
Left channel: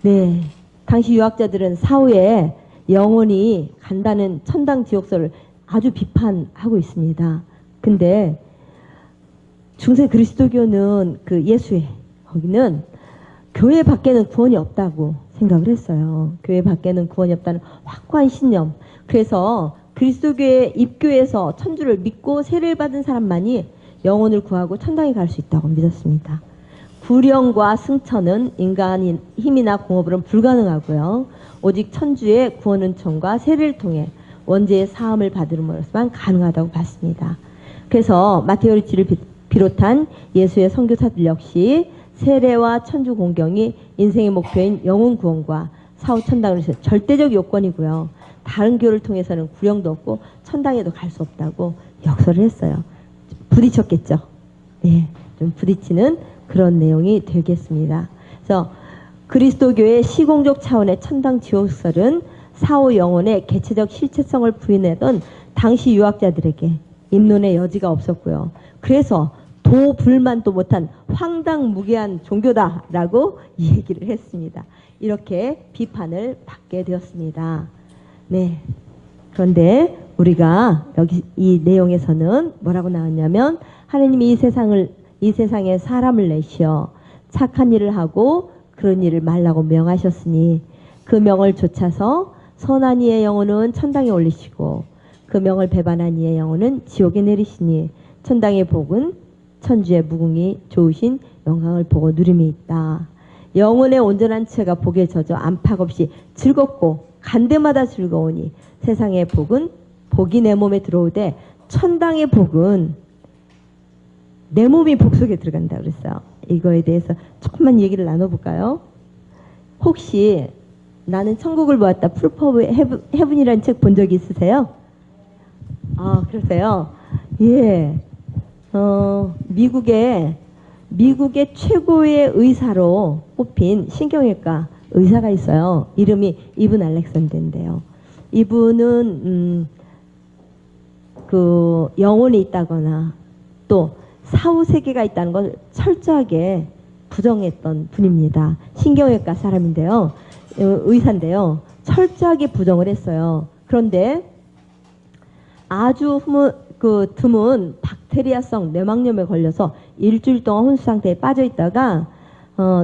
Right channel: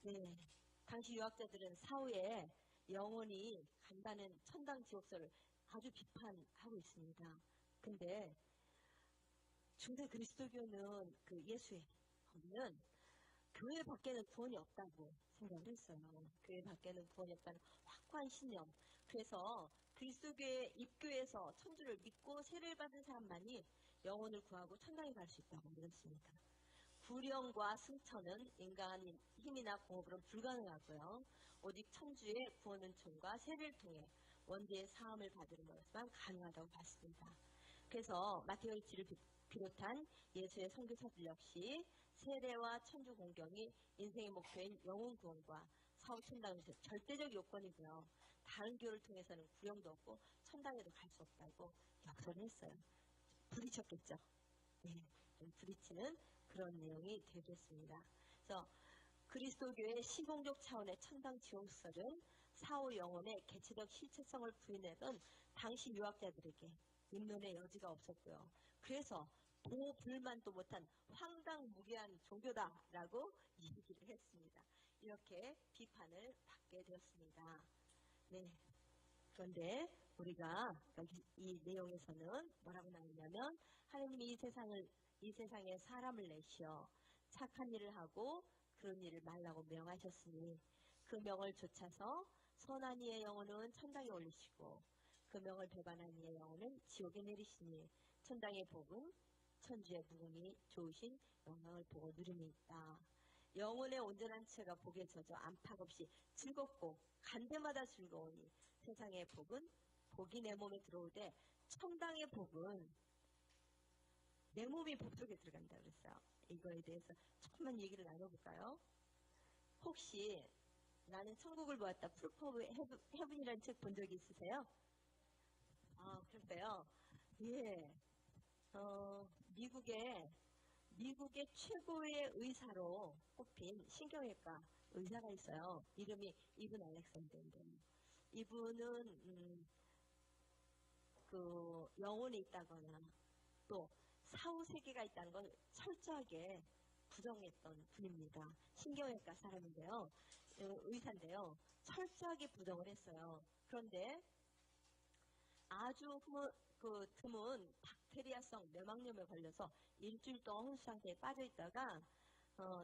네, 당시 유학자들은 사후에 영혼이 간다는 천당 지옥설을 아주 비판하고 있습니다. 근데 중세 그리스도교는 그 예수회 거기는 교회 밖에는 구원이 없다고 생각을 했어요. 교회 밖에는 구원이 없다는 확고한 신념. 그래서 그리스도교의 입교에서 천주를 믿고 세례를 받은 사람만이 영혼을 구하고 천당에 갈 수 있다고 믿었습니다. 구령과 승천은 인간의 힘이나 공업으로는 불가능하고요. 오직 천주의 구원 은총과 세례를 통해 원죄의 사함을 받음으로써만 가능하다고 봤습니다. 그래서 마테오 리치를 비롯한 예수의 선교사들 역시 세례와 천주 공경이 인생의 목표인 영혼 구원과 사후 천당을 위해서 절대적 요건이고요. 다른 교를 통해서는 구령도 없고 천당에도 갈 수 없다고 역설을 했어요. 부딪혔겠죠. 네, 좀 부딪히는 그런 내용이 되겠습니다. 그래서 그리스도교의 시공적 차원의 천당 지옥설은 사후 영혼의 개체적 실체성을 부인하던 당시 유학자들에게 입론의 여지가 없었고요. 그래서 도불만도 못한 황당무계한 종교다라고 얘기를 했습니다. 이렇게 비판을 받게 되었습니다. 네. 그런데 우리가 여기 이 내용에서는 뭐라고 나왔냐면 하나님이 이 세상에 사람을 내시어 착한 일을 하고 그런 일을 말라고 명하셨으니 그 명을 좇아서 선한 이의 영혼은 천당에 올리시고 그 명을 배반한 이의 영혼은 지옥에 내리시니 천당의 복은 천주의 무궁이 좋으신 영광을 보고 누림이 있다. 영혼의 온전한 채가 복에 젖어 안팎 없이 즐겁고 간데마다 즐거우니 세상의 복은 복이 내 몸에 들어오되 천당의 복은 내 몸이 복 속에 들어간다 그랬어요. 이거에 대해서 조금만 얘기를 나눠볼까요? 혹시 나는 천국을 보았다 프루프 오브 헤븐이라는 책 본 적이 있으세요? 아, 그러세요? 예. 미국의 최고의 의사로 뽑힌 신경외과 의사가 있어요. 이름이 이븐 알렉산더인데요. 이분은 그 영혼이 있다거나 또 사후 세계가 있다는 걸 철저하게 부정했던 분입니다. 신경외과 사람인데요. 의사인데요. 철저하게 부정을 했어요. 그런데 아주 드문 박테리아성 뇌막염에 걸려서 일주일 동안 혼수 상태에 빠져 있다가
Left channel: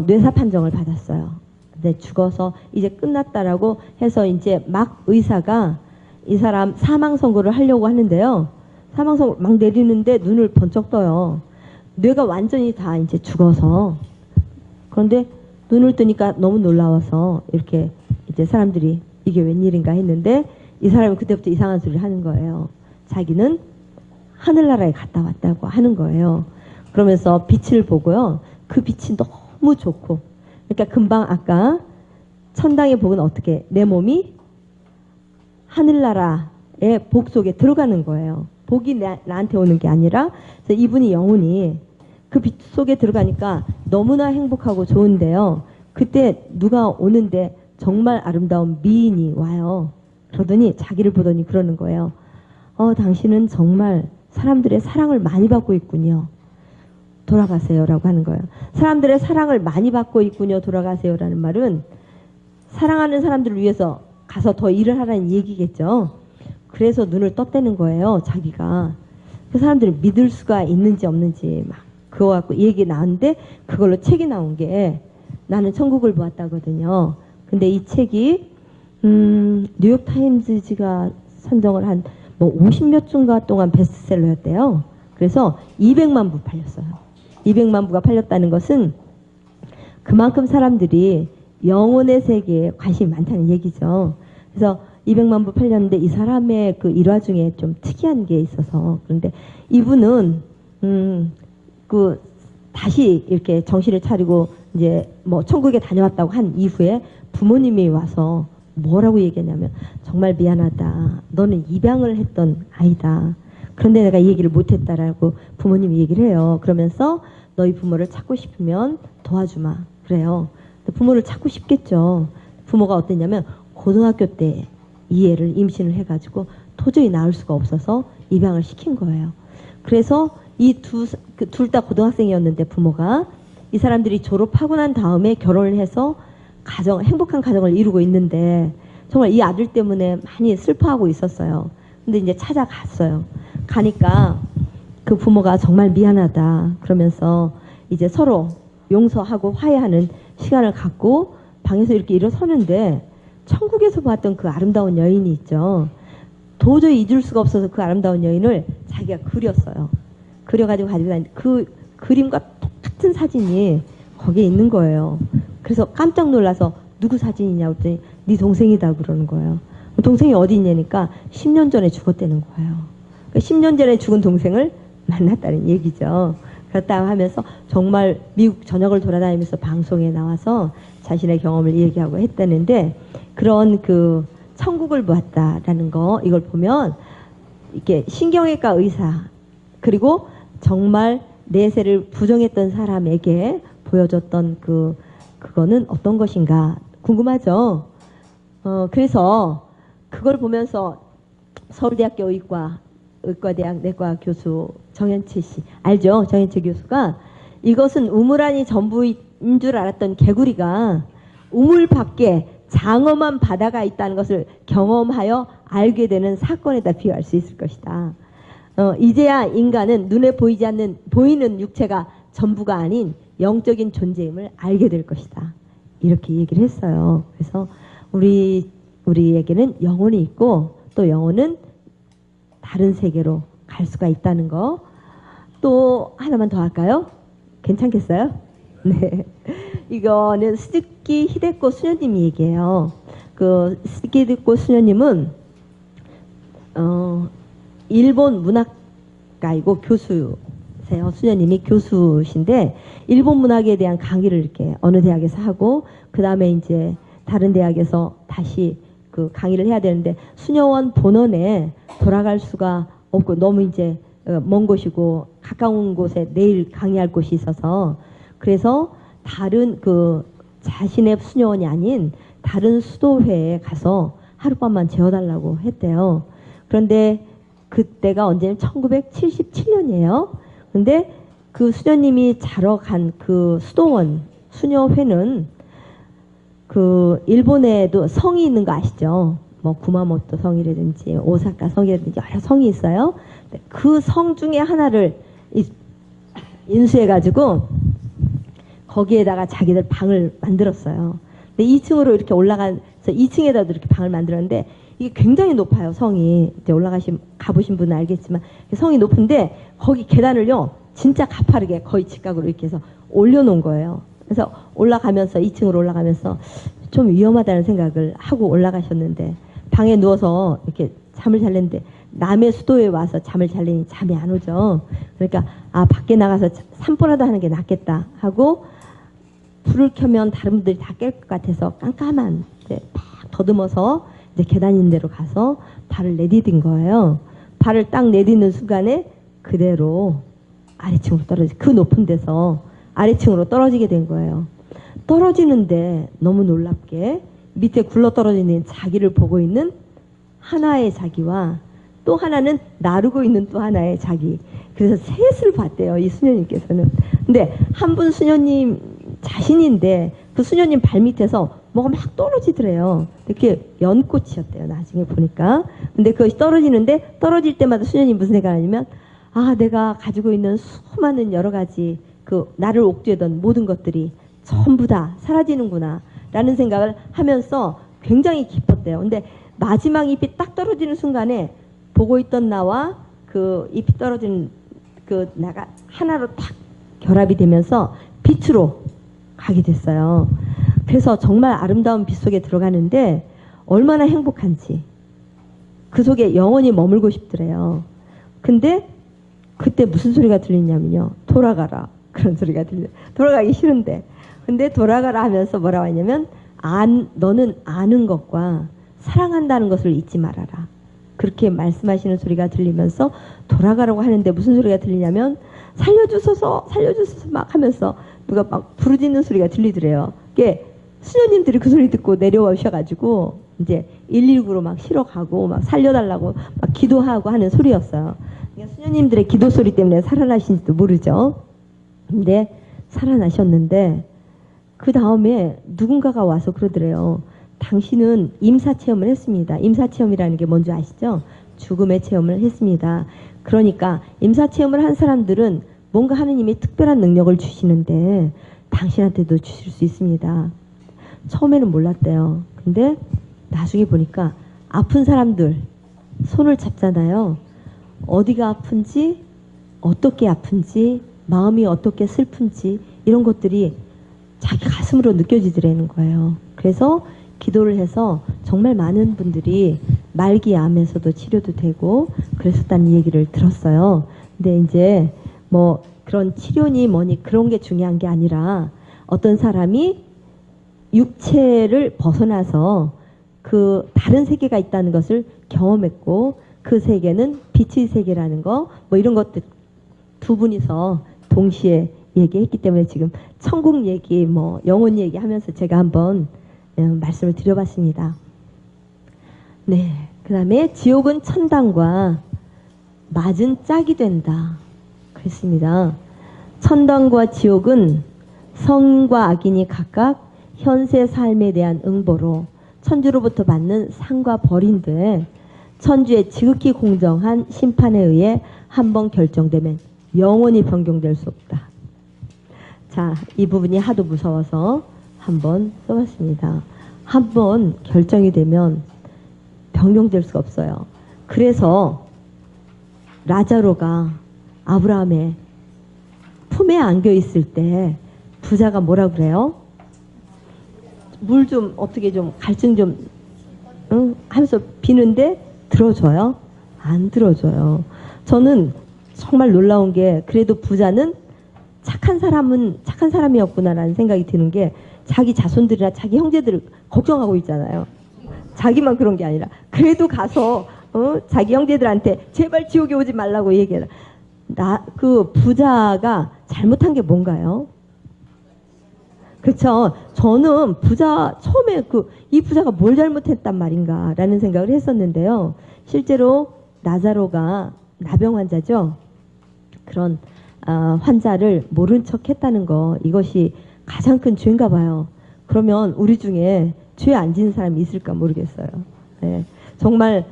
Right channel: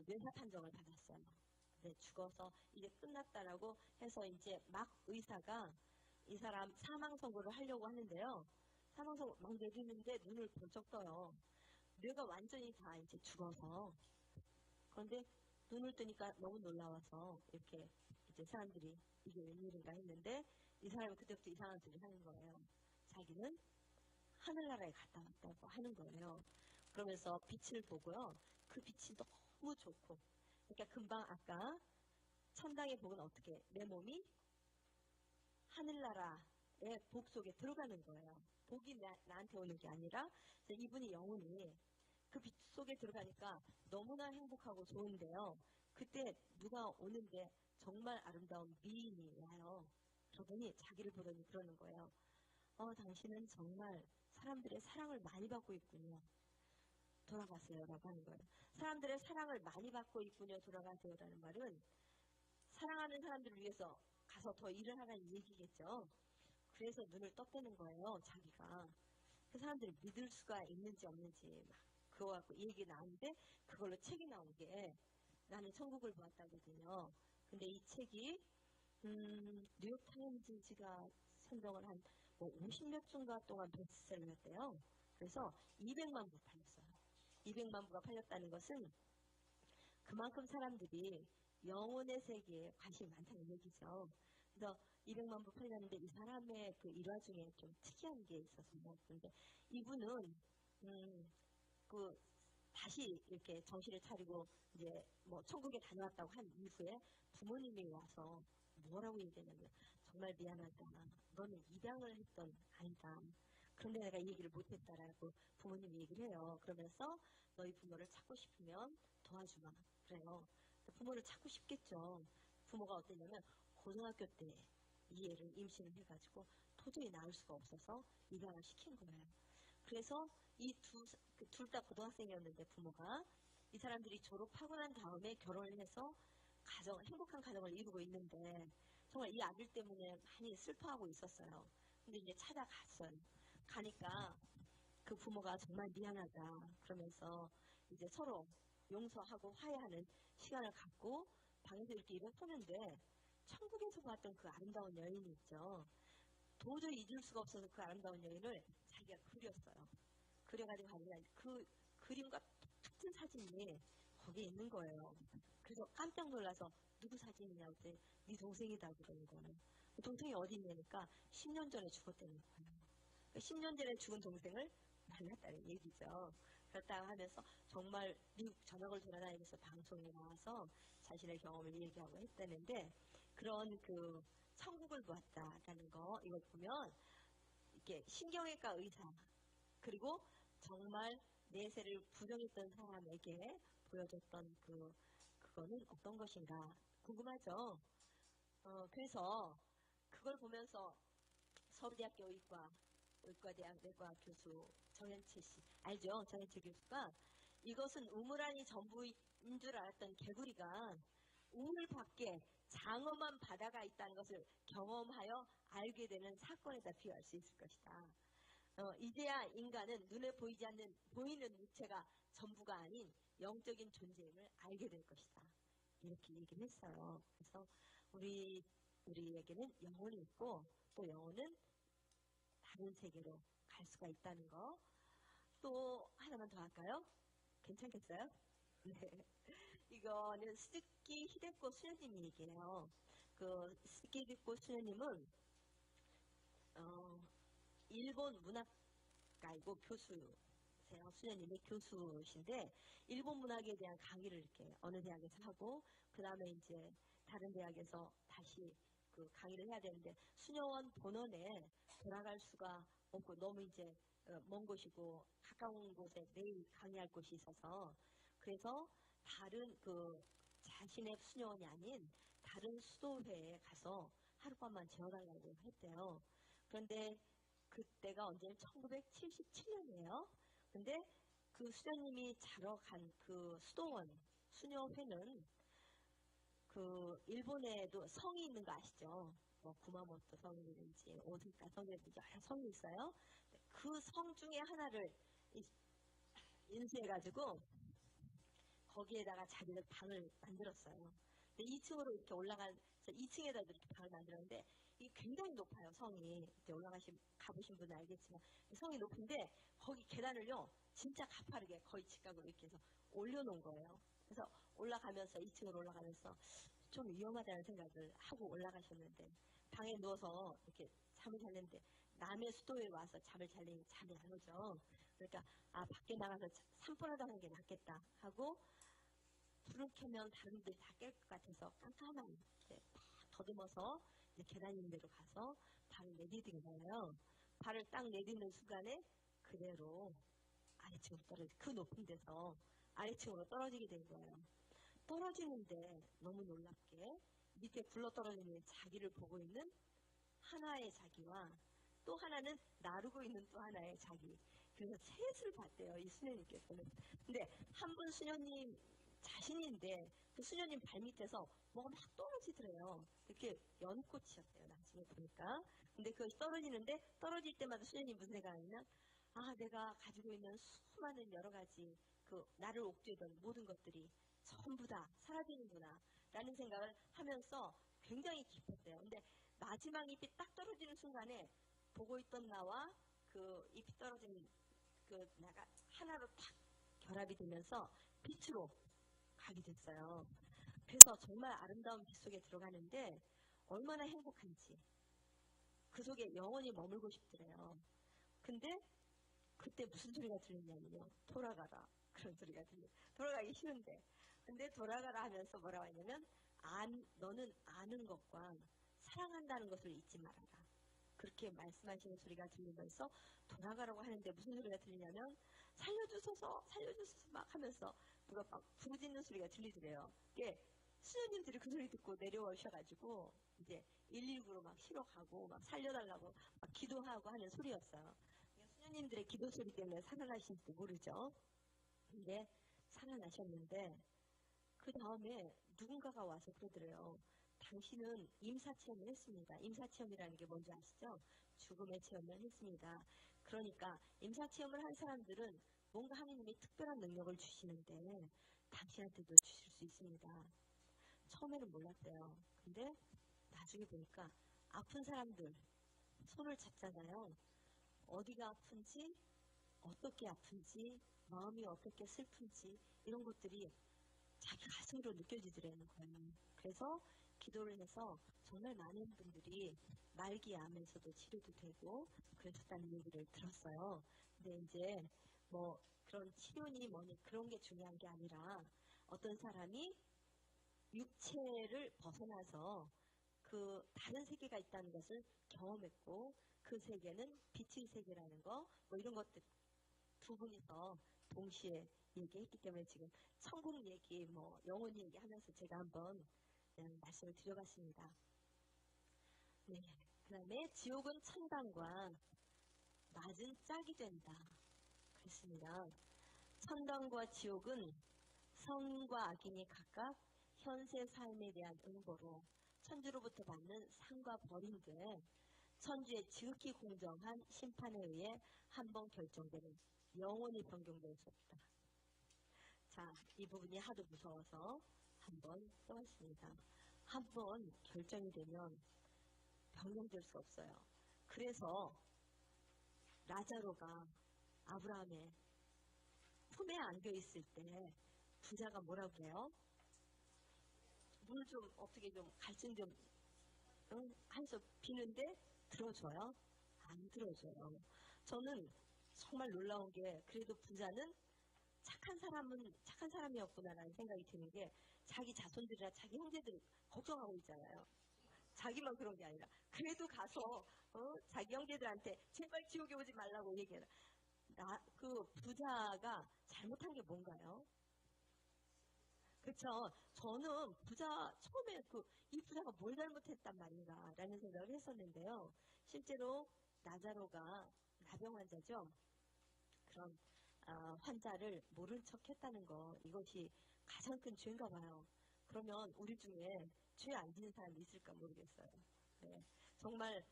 뇌사 판정을 받았어요. 근데 죽어서 이제 끝났다라고 해서 이제 막 의사가 이 사람 사망 선고를 하려고 하는데요. 사망 선고 막 내리는데 눈을 번쩍 떠요. 뇌가 완전히 다 이제 죽어서. 그런데 눈을 뜨니까 너무 놀라워서 이렇게 이제 사람들이 이게 웬일인가 했는데 이 사람이 그때부터 이상한 소리를 하는 거예요. 자기는 하늘나라에 갔다 왔다고 하는 거예요. 그러면서 빛을 보고요. 그 빛이 너무 좋고. 그러니까 금방 아까 천당의 복은 어떻게 내 몸이 하늘나라의 복 속에 들어가는 거예요. 복이 나한테 오는 게 아니라 그래서 이분이 영혼이 그 빛 속에 들어가니까 너무나 행복하고 좋은데요. 그때 누가 오는데 정말 아름다운 미인이 와요. 그러더니 자기를 보더니 그러는 거예요. 당신은 정말 사람들의 사랑을 많이 받고 있군요. 돌아가세요라고 하는 거예요. 사람들의 사랑을 많이 받고 있군요. 돌아가세요라는 말은 사랑하는 사람들을 위해서 가서 더 일을 하라는 얘기겠죠. 그래서 눈을 떴다는 거예요. 자기가. 그 사람들이 믿을 수가 있는지 없는지 막 그거 갖고 얘기 나왔는데 그걸로 책이 나온 게 나는 천국을 보았다거든요. 근데 이 책이 뉴욕타임즈가 선정을 한 뭐 50몇 주인가 동안 베스트셀러였대요. 그래서 200만 부 팔렸어요. 200만 부가 팔렸다는 것은 그만큼 사람들이 영혼의 세계에 관심이 많다는 얘기죠. 그래서 200만 부 팔렸는데 이 사람의 그 일화 중에 좀 특이한 게 있어서 그런데 이분은 그 다시 이렇게 정신을 차리고 이제 뭐 천국에 다녀왔다고 한 이후에 부모님이 와서 뭐라고 얘기했냐면 정말 미안하다. 너는 입양을 했던 아이다. 그런데 내가 이 얘기를 못했다라고 부모님이 얘기를 해요. 그러면서 너희 부모를 찾고 싶으면 도와주마. 그래요. 부모를 찾고 싶겠죠. 부모가 어땠냐면 고등학교 때 이 애를 임신을 해가지고 도저히 낳을 수가 없어서 입양을 시킨 거예요. 그래서 이 둘 다 고등학생이었는데 부모가 이 사람들이 졸업하고 난 다음에 결혼을 해서 행복한 가정을 이루고 있는데 정말 이 아들 때문에 많이 슬퍼하고 있었어요. 근데 이제 찾아갔어요. 가니까 그 부모가 정말 미안하다 그러면서 이제 서로 용서하고 화해하는 시간을 갖고 방에서 이렇게 일어서는데 천국에서 봤던 그 아름다운 여인이 있죠. 도저히 잊을 수가 없어서 그 아름다운 여인을 자기가 그렸어요. 그려가지고 가지고 다니는 그 그림과 똑같은 사진이 거기에 있는 거예요. 그래서 깜짝 놀라서 누구 사진이냐고 했더니 네 동생이다 그러는 거예요. 동생이 어디 있냐니까 10년 전에 죽었다는 거예요. 그러니까 10년 전에 죽은 동생을 만났다는 얘기죠. 그렇다고 하면서 정말 미국 전역을 돌아다니면서 방송에 나와서 자신의 경험을 얘기하고 했다는데 그런 그 천국을 보았다라는 거 이걸 보면 이렇게 신경외과 의사 그리고 정말 내세를 부정했던 사람에게 보여줬던 그거는 어떤 것인가 궁금하죠. 그래서 그걸 보면서 서울대학교 의과대학 내과 교수 정현채 씨 알죠? 정현채 교수가 이것은 우물 안이 전부인 줄 알았던 개구리가 우물 밖에 장엄한 바다가 있다는 것을 경험하여 알게 되는 사건에다 비유할 수 있을 것이다. 이제야 인간은 눈에 보이는 육체가 전부가 아닌 영적인 존재임을 알게 될 것이다. 이렇게 얘기를 했어요. 그래서 우리에게는 영혼이 있고 또 영혼은 다른 세계로 갈 수가 있다는 거. 또 하나만 더 할까요? 괜찮겠어요? 네. 이거는 스즈키 히데코 수녀님이 얘기해요. 그 스즈키 히데코 수녀님은 일본 문학가이고 교수세요. 수녀님이 교수신데 일본 문학에 대한 강의를 이렇게 어느 대학에서 하고 그 다음에 이제 다른 대학에서 다시 그 강의를 해야 되는데 수녀원 본원에 돌아갈 수가 없고 너무 이제 먼 곳이고 가까운 곳에 내일 강의할 곳이 있어서 그래서 다른 그 자신의 수녀원이 아닌 다른 수도회에 가서 하룻밤만 재워달라고 했대요. 그런데 그때가 언제냐면 1977년이에요. 근데 그 수녀님이 자러 간 그 수도원 수녀회는 그 일본에도 성이 있는 거 아시죠? 뭐 구마모토 성이라든지 오사카 성이라든지 여러 성이 있어요. 그 성 중에 하나를 인수해가지고 거기에다가 자기들 방을 만들었어요. 근데 2층으로 이렇게 올라가서 2층에다도 이렇게 방을 만들었는데 이게 굉장히 높아요. 성이 이제 가보신 분은 알겠지만 성이 높은데 거기 계단을요 진짜 가파르게 거의 직각으로 이렇게 해서 올려놓은 거예요. 그래서 올라가면서 2층으로 올라가면서 좀 위험하다는 생각을 하고 올라가셨는데 방에 누워서 이렇게 잠을 잘랬는데 남의 수도에 와서 잠을 잘래니 잠이 안 오죠. 그러니까 밖에 나가서 산보라도 하는 게 낫겠다 하고 불을 켜면 다른 분들이 다 깰 것 같아서 깜깜한 팍 더듬어서 이제 계단 있는 데로 가서 발을 내디딘 거예요. 발을 딱 내딛는 순간에 그대로 아래층으로 그 높은 데서 아래층으로 떨어지게 된 거예요. 떨어지는데 너무 놀랍게 밑에 굴러 떨어지는 자기를 보고 있는 하나의 자기와 또 하나는 나르고 있는 또 하나의 자기. 그래서 셋을 봤대요. 이 수녀님께서는. 근데 한 분 수녀님 자신인데 그 수녀님 발밑에서 뭐가 막 떨어지더래요. 그게 연꽃이었대요. 나중에 보니까. 근데 그것이 떨어지는데 떨어질 때마다 수녀님 무슨 생각하냐면 내가 가지고 있는 수많은 여러 가지 그 나를 옥죄던 모든 것들이 전부 다 사라지는구나 라는 생각을 하면서 굉장히 기뻤대요. 근데 마지막 잎이 딱 떨어지는 순간에 보고 있던 나와 그 잎이 떨어진 그 나가 하나로 딱 결합이 되면서 빛으로 가게 됐어요. 그래서 정말 아름다운 빛 속에 들어가는데 얼마나 행복한지 그 속에 영원히 머물고 싶더래요. 근데 그때 무슨 소리가 들리냐면요. 돌아가라. 그런 소리가 들려. 돌아가기 싫은데. 근데 돌아가라 하면서 뭐라고 하냐면 너는 아는 것과 사랑한다는 것을 잊지 말아라. 그렇게 말씀하시는 소리가 들리면서 돌아가라고 하는데 무슨 소리가 들리냐면 살려주소서 살려주소서 막 하면서 누가 막 부르짖는 소리가 들리더래요. 그게 수녀님들이 그 소리 듣고 내려오셔가지고 이제 119로 막 실어 가고 막 살려달라고 막 기도하고 하는 소리였어요. 그러니까 수녀님들의 기도 소리 때문에 살아나신지도 모르죠. 근데 살아나셨는데 그 다음에 누군가가 와서 그러더래요. 당신은 임사체험을 했습니다. 임사체험이라는 게 뭔지 아시죠? 죽음의 체험을 했습니다. 그러니까 임사체험을 한 사람들은 뭔가 하느님이 특별한 능력을 주시는데 당신한테도 주실 수 있습니다. 처음에는 몰랐대요. 근데 나중에 보니까 아픈 사람들 손을 잡잖아요. 어디가 아픈지, 어떻게 아픈지, 마음이 어떻게 슬픈지 이런 것들이 자기 가슴으로 느껴지더라는 거예요. 그래서 기도를 해서 정말 많은 분들이 말기암에서도 치료도 되고 그랬었다는 얘기를 들었어요. 근데 이제 뭐 그런 치료니 뭐니 그런 게 중요한 게 아니라 어떤 사람이 육체를 벗어나서 그 다른 세계가 있다는 것을 경험했고 그 세계는 빛의 세계라는 거 뭐 이런 것들 두 분이서 동시에 얘기했기 때문에 지금 천국 얘기 뭐 영혼 얘기 하면서 제가 한번 말씀을 드려봤습니다. 네, 그 다음에 지옥은 천당과 맞은 짝이 된다 그랬습니다. 천당과 지옥은 성과 악인이 각각 현세 삶에 대한 응보로 천주로부터 받는 상과 벌인데 천주의 지극히 공정한 심판에 의해 한번 결정되면 영원히 변경될 수 없다. 자, 이 부분이 하도 무서워서 한번 써봤습니다. 한번 결정이 되면 변경될 수가 없어요. 그래서 라자로가 아브라함의 품에 안겨 있을 때 부자가 뭐라 그래요? 물 좀 어떻게 좀 갈증 좀 하면서 비는데 들어줘요? 안 들어줘요. 저는 정말 놀라운 게 그래도 부자는 착한 사람이었구나라는 생각이 드는 게 자기 자손들이나 자기 형제들을 걱정하고 있잖아요. 자기만 그런 게 아니라 그래도 가서 자기 형제들한테 제발 지옥에 오지 말라고 얘기해라. 그 부자가 잘못한 게 뭔가요? 그렇죠. 저는 처음에 이 부자가 뭘 잘못했단 말인가라는 생각을 했었는데요. 실제로 나자로가 나병 환자죠. 그런 환자를 모른 척 했다는 거 이것이 가장 큰 죄인가 봐요. 그러면 우리 중에 죄 안 지은 사람이 있을까 모르겠어요. 네. 정말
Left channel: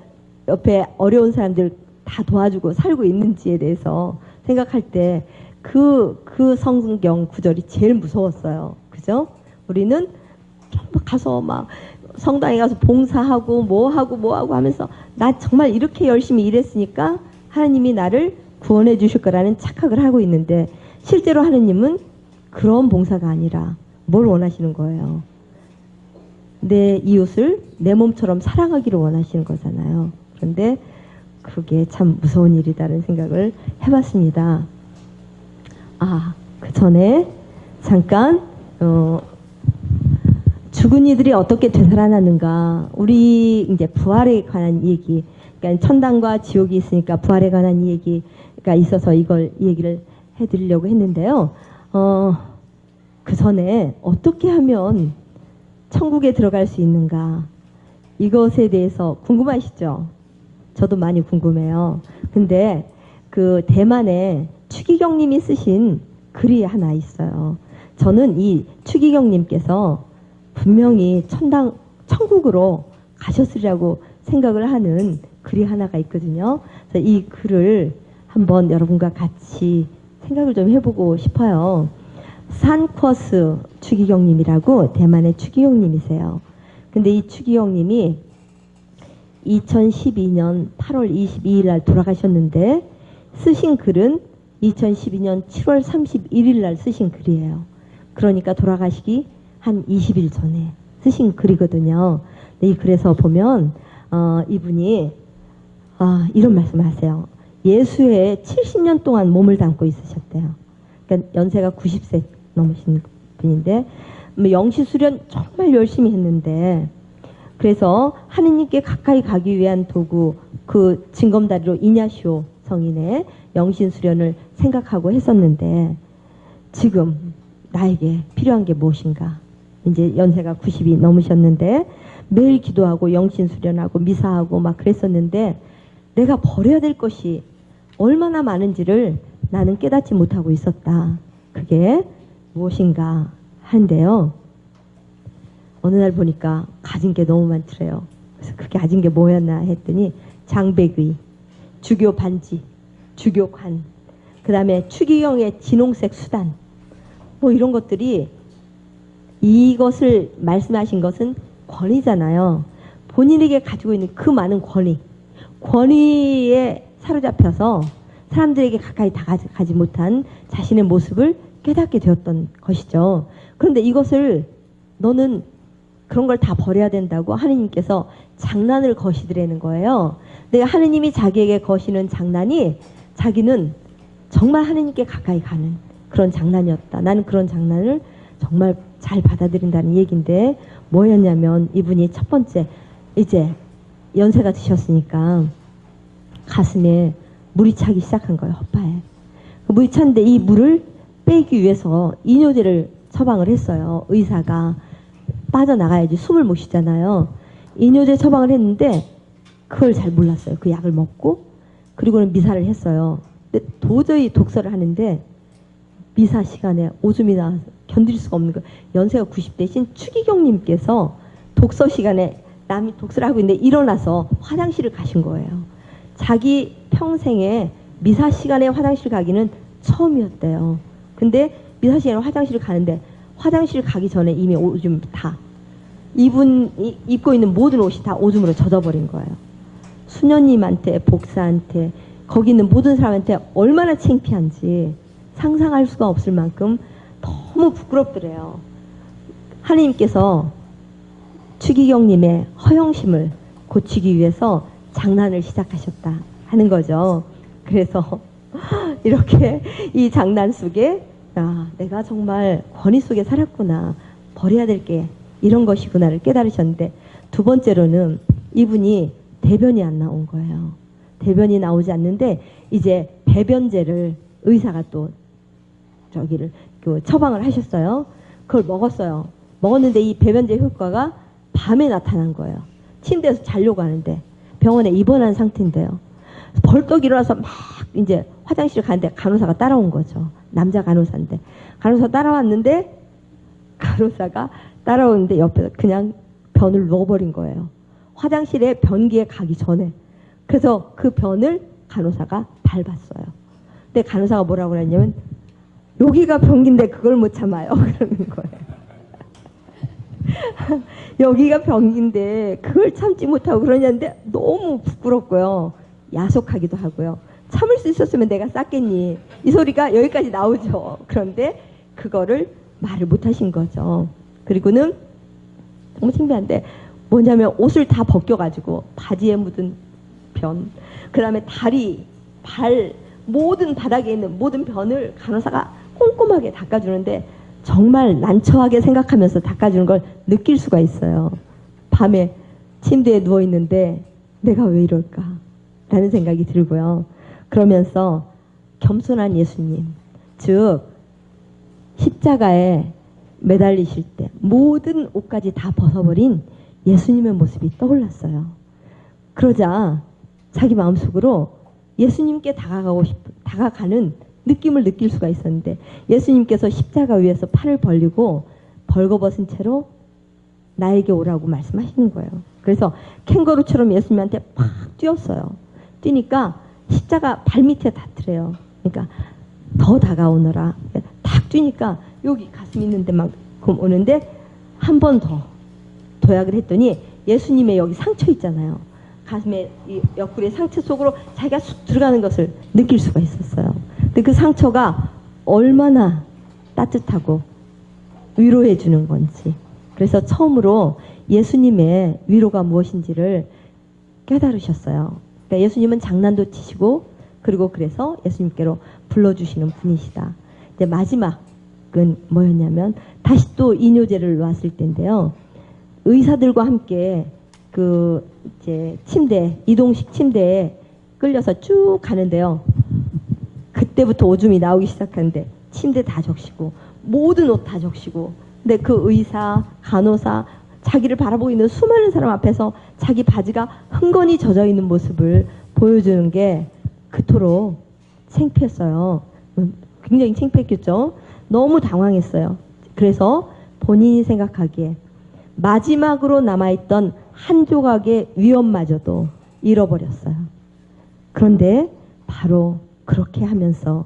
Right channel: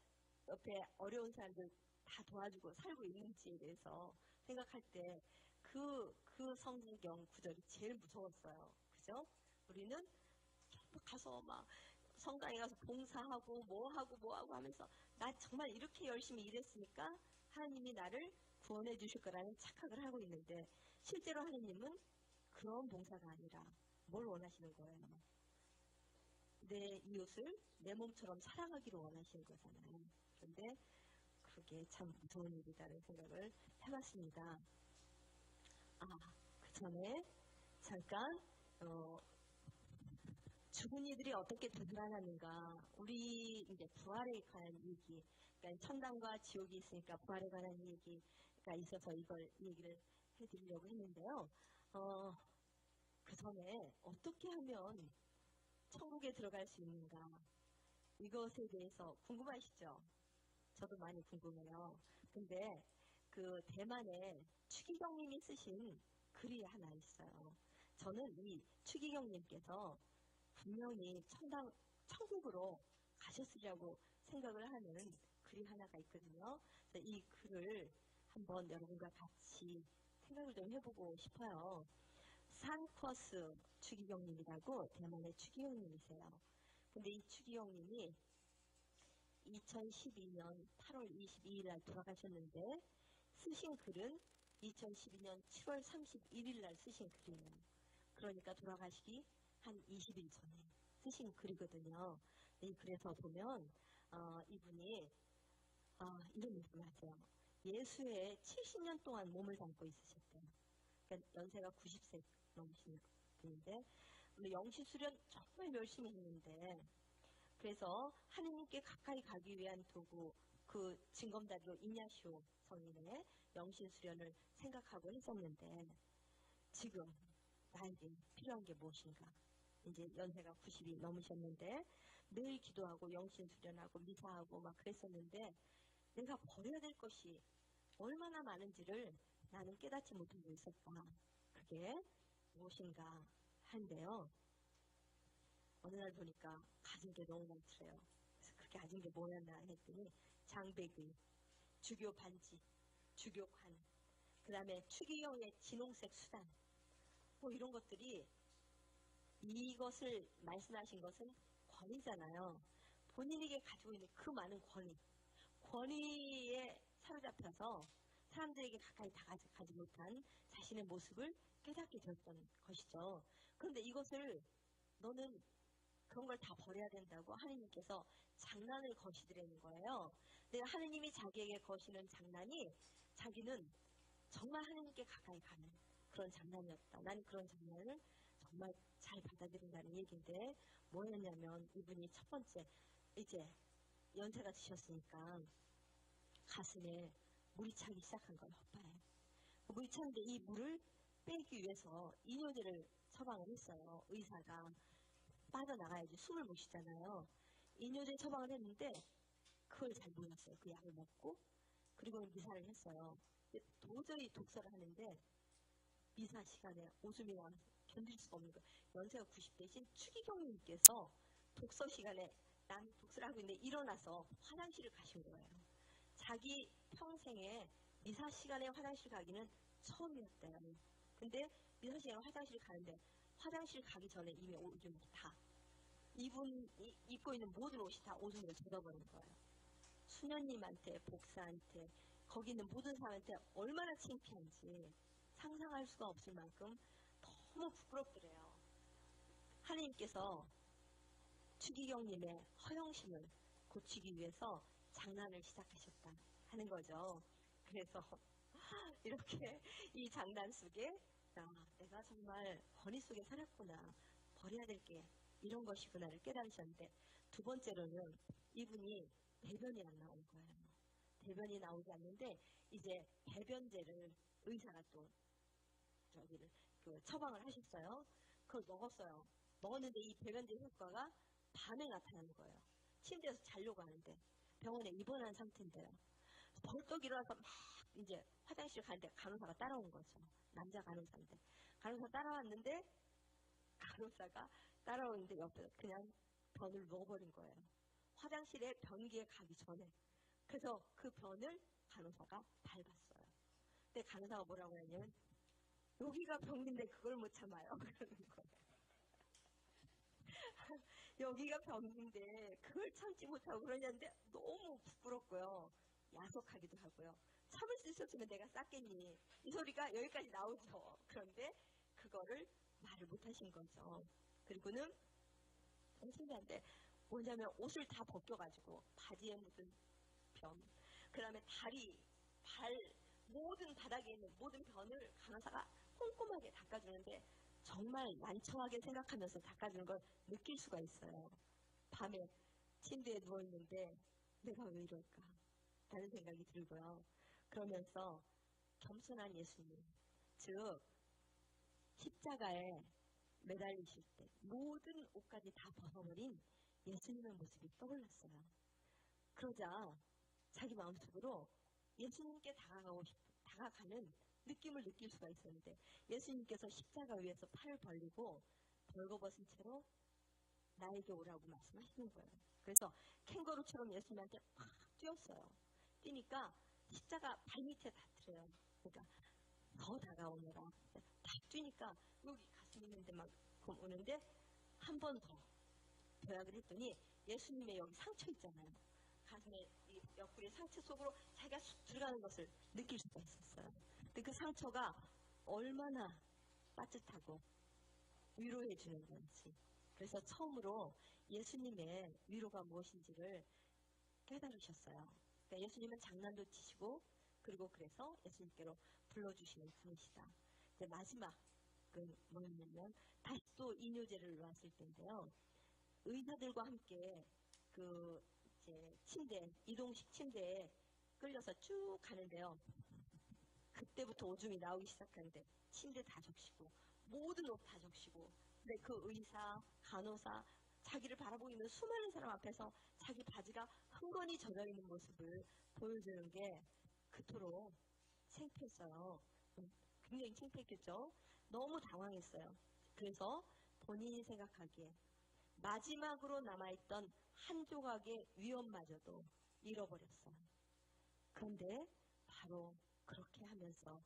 옆에 어려운 사람들 다 도와주고 살고 있는지에 대해서 생각할 때 그 성경 구절이 제일 무서웠어요. 그죠? 우리는 가서 막 성당에 가서 봉사하고 뭐하고 하면서 나 정말 이렇게 열심히 일했으니까 하나님이 나를 구원해 주실 거라는 착각을 하고 있는데 실제로 하나님은 그런 봉사가 아니라 뭘 원하시는 거예요? 내 이웃을 내 몸처럼 사랑하기를 원하시는 거잖아요. 그런데 그게 참 무서운 일이다라는 생각을 해봤습니다. 그 전에 잠깐 죽은 이들이 어떻게 되살아나는가 우리 이제 부활에 관한 얘기 그러니까 천당과 지옥이 있으니까 부활에 관한 얘기가 있어서 이걸 얘기를 해드리려고 했는데요. 그 전에 어떻게 하면 천국에 들어갈 수 있는가 이것에 대해서 궁금하시죠? 저도 많이 궁금해요. 근데 그 대만에 추기경님이 쓰신 글이 하나 있어요. 저는 이 추기경님께서 분명히 천국으로 가셨으리라고 생각을 하는 글이 하나가 있거든요. 그래서 이 글을 한번 여러분과 같이 생각을 좀 해보고 싶어요. 산쿼스 추기경님이라고 대만의 추기경님이세요. 근데 이 추기경님이 2012년 8월 22일 날 돌아가셨는데 쓰신 글은 2012년 7월 31일 날 쓰신 글이에요. 그러니까 돌아가시기 한 20일 전에 쓰신 글이거든요. 이 글에서 보면 이분이 이런 말씀을 하세요. 예수에 70년 동안 몸을 담고 있으셨대요. 그러니까 연세가 90세 넘으신 분인데 영시수련 정말 열심히 했는데, 그래서 하느님께 가까이 가기 위한 도구, 그 징검다리로 이냐시오 성인의 영신수련을 생각하고 했었는데, 지금 나에게 필요한 게 무엇인가? 이제 연세가 90이 넘으셨는데 매일 기도하고 영신수련하고 미사하고 막 그랬었는데, 내가 버려야 될 것이 얼마나 많은지를 나는 깨닫지 못하고 있었다. 그게 무엇인가 하는데요. 어느 날 보니까 가진 게 너무 많더래요. 그래서 그게 가진 게 뭐였나 했더니 장백의, 주교 반지, 주교관, 그 다음에 추기경의 진홍색 수단, 뭐 이런 것들이, 이것을 말씀하신 것은 권위잖아요. 본인에게 가지고 있는 그 많은 권위에 사로잡혀서 사람들에게 가까이 다가가지 못한 자신의 모습을 깨닫게 되었던 것이죠. 그런데 이것을 너는 그런 걸 다 버려야 된다고 하느님께서 장난을 거시더라는 거예요. 근데 하느님이 자기에게 거시는 장난이, 자기는 정말 하느님께 가까이 가는 그런 장난이었다. 나는 그런 장난을 정말 잘 받아들인다는 얘기인데, 뭐였냐면 이분이 첫 번째, 이제 연세가 드셨으니까 가슴에 물이 차기 시작한 거예요. 허파에. 물이 찼는데 이 물을 빼기 위해서 이뇨제를 처방을 했어요. 의사가. 빠져나가야지 숨을 못 쉬잖아요. 이뇨제 처방을 했는데 그걸 잘 몰랐어요. 그 약을 먹고 그리고는 미사를 했어요. 근데 도저히 독서를 하는데 미사 시간에 오줌이 나와서 견딜 수가 없는 거예요. 연세가 90대신 추기경님께서 독서 시간에 남이 독서를 하고 있는데 일어나서 화장실을 가신 거예요. 자기 평생에 미사 시간에 화장실 가기는 처음이었대요. 근데 미사 시간에 화장실을 가는데 화장실 가기 전에 이미 오줌 다, 이분이 입고 있는 모든 옷이 다 오줌으로 젖어버린 거예요. 수녀님한테, 복사한테, 거기 있는 모든 사람한테 얼마나 창피한지 상상할 수가 없을 만큼 너무 부끄럽더래요. 하느님께서 추기경님의 허영심을 고치기 위해서 장난을 시작하셨다 하는 거죠. 그래서 이렇게 이 장난 속에 내가 정말 권위 속에 살았구나, 버려야 될 게 이런 것이구나를 깨달으셨는데, 두 번째로는 이분이 대변이 안 나온 거예요. 대변이 나오지 않는데 이제 배변제를 의사가 또 처방을 하셨어요. 그걸 먹었어요. 먹었는데 이 배변제 효과가 밤에 나타난 거예요. 침대에서 자려고 하는데 병원에 입원한 상태인데요. 벌떡 일어나서 막 이제 화장실 가는데 간호사가 따라온 거죠. 남자 간호사인데 간호사 따라왔는데, 간호사가 따라오는데 옆에서 그냥 변을 넣어버린 거예요. 화장실에 변기에 가기 전에. 그래서 그 변을 간호사가 밟았어요. 근데 간호사가 뭐라고 그랬냐면, 여기가 변기인데 그걸 못 참아요. 그러는 거예요. 여기가 변기인데 그걸 참지 못하고 그러냐는데 너무 부끄럽고요. 야속하기도 하고요. 참을 수 있었으면 내가 쌌겠니? 이 소리가 여기까지 나오죠. 그런데 그거를 말을 못 하신 거죠. 그리고는 너무 신기한데 뭐냐면 옷을 다 벗겨가지고 바지에 묻은 변, 그 다음에 다리, 발, 모든 바닥에 있는 모든 변을 간호사가 꼼꼼하게 닦아주는데 정말 난처하게 생각하면서 닦아주는 걸 느낄 수가 있어요. 밤에 침대에 누워있는데 내가 왜 이럴까? 라는 생각이 들고요. 그러면서 겸손한 예수님, 즉 십자가에 매달리실 때 모든 옷까지 다 벗어버린 예수님의 모습이 떠올랐어요. 그러자 자기 마음속으로 예수님께 다가가는 느낌을 느낄 수가 있었는데, 예수님께서 십자가 위에서 팔을 벌리고 벌거벗은 채로 나에게 오라고 말씀하시는 거예요. 그래서 캥거루처럼 예수님한테 팍 뛰었어요. 뛰니까 십자가 발밑에 닿더래요. 그러니까 더 다가오너라. 탁 뛰니까 여기 가슴 있는 데만큼 오는데 한 번 더 도약을 했더니 예수님의 여기 상처 있잖아요. 가슴에 이 옆구리 상처 속으로 자기가 쑥 들어가는 것을 느낄 수가 있었어요. 근데 그 상처가 얼마나 따뜻하고 위로해 주는 건지, 그래서 처음으로 예수님의 위로가 무엇인지를 깨달으셨어요. 그러니까 예수님은 장난도 치시고 그리고 그래서 예수님께로 불러주시는 분이시다. 이제 마지막은 뭐였냐면 다시 또 이뇨제를 놓았을 때인데요. 의사들과 함께 그 이제 침대 이동식 침대에 끌려서 쭉 가는데요. 그때부터 오줌이 나오기 시작하는데 침대 다 적시고 모든 옷 다 적시고 근데 그 의사, 간호사 자기를 바라보고 있는 수많은 사람 앞에서 자기 바지가 흥건히 젖어 있는 모습을 보여주는 게 그토록 창피했어요. 굉장히 창피했겠죠. 너무 당황했어요. 그래서 본인이 생각하기에 마지막으로 남아있던 한 조각의 위엄마저도 잃어버렸어요. 그런데 바로 그렇게 하면서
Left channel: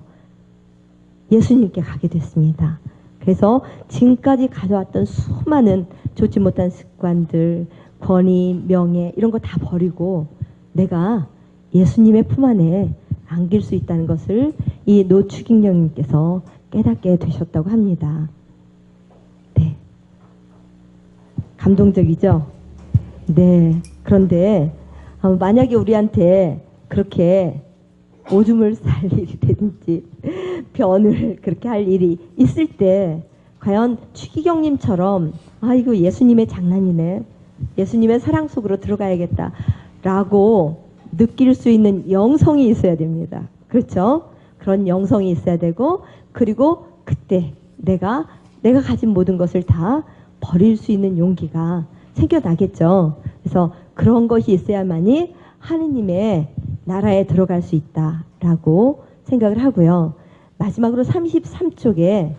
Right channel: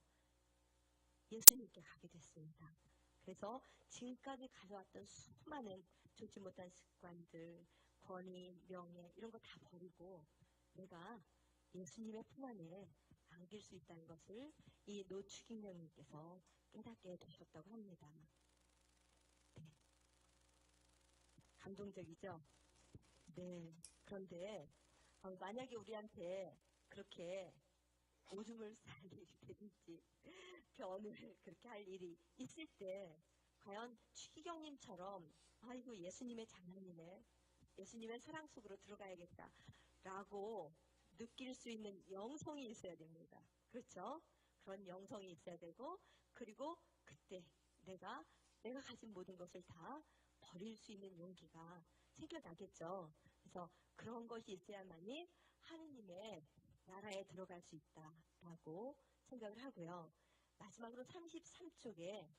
예수님께 가게 됐습니다. 그래서 지금까지 가져왔던 수많은 좋지 못한 습관들, 권위, 명예 이런 거 다 버리고 내가 예수님의 품 안에 안길 수 있다는 것을 이 노추기령님께서 깨닫게 되셨다고 합니다. 네, 감동적이죠? 네. 그런데 만약에 우리한테 그렇게 오줌을 쌀 일이 되든지 변을 그렇게 할 일이 있을 때 과연 추기경님처럼 아 이거 예수님의 장난이네, 예수님의 사랑 속으로 들어가야겠다라고 느낄 수 있는 영성이 있어야 됩니다. 그렇죠? 그런 영성이 있어야 되고 그리고 그때 내가 가진 모든 것을 다 버릴 수 있는 용기가 생겨나겠죠. 그래서 그런 것이 있어야만이 하느님의 나라에 들어갈 수 있다라고 생각을 하고요. 마지막으로 33쪽에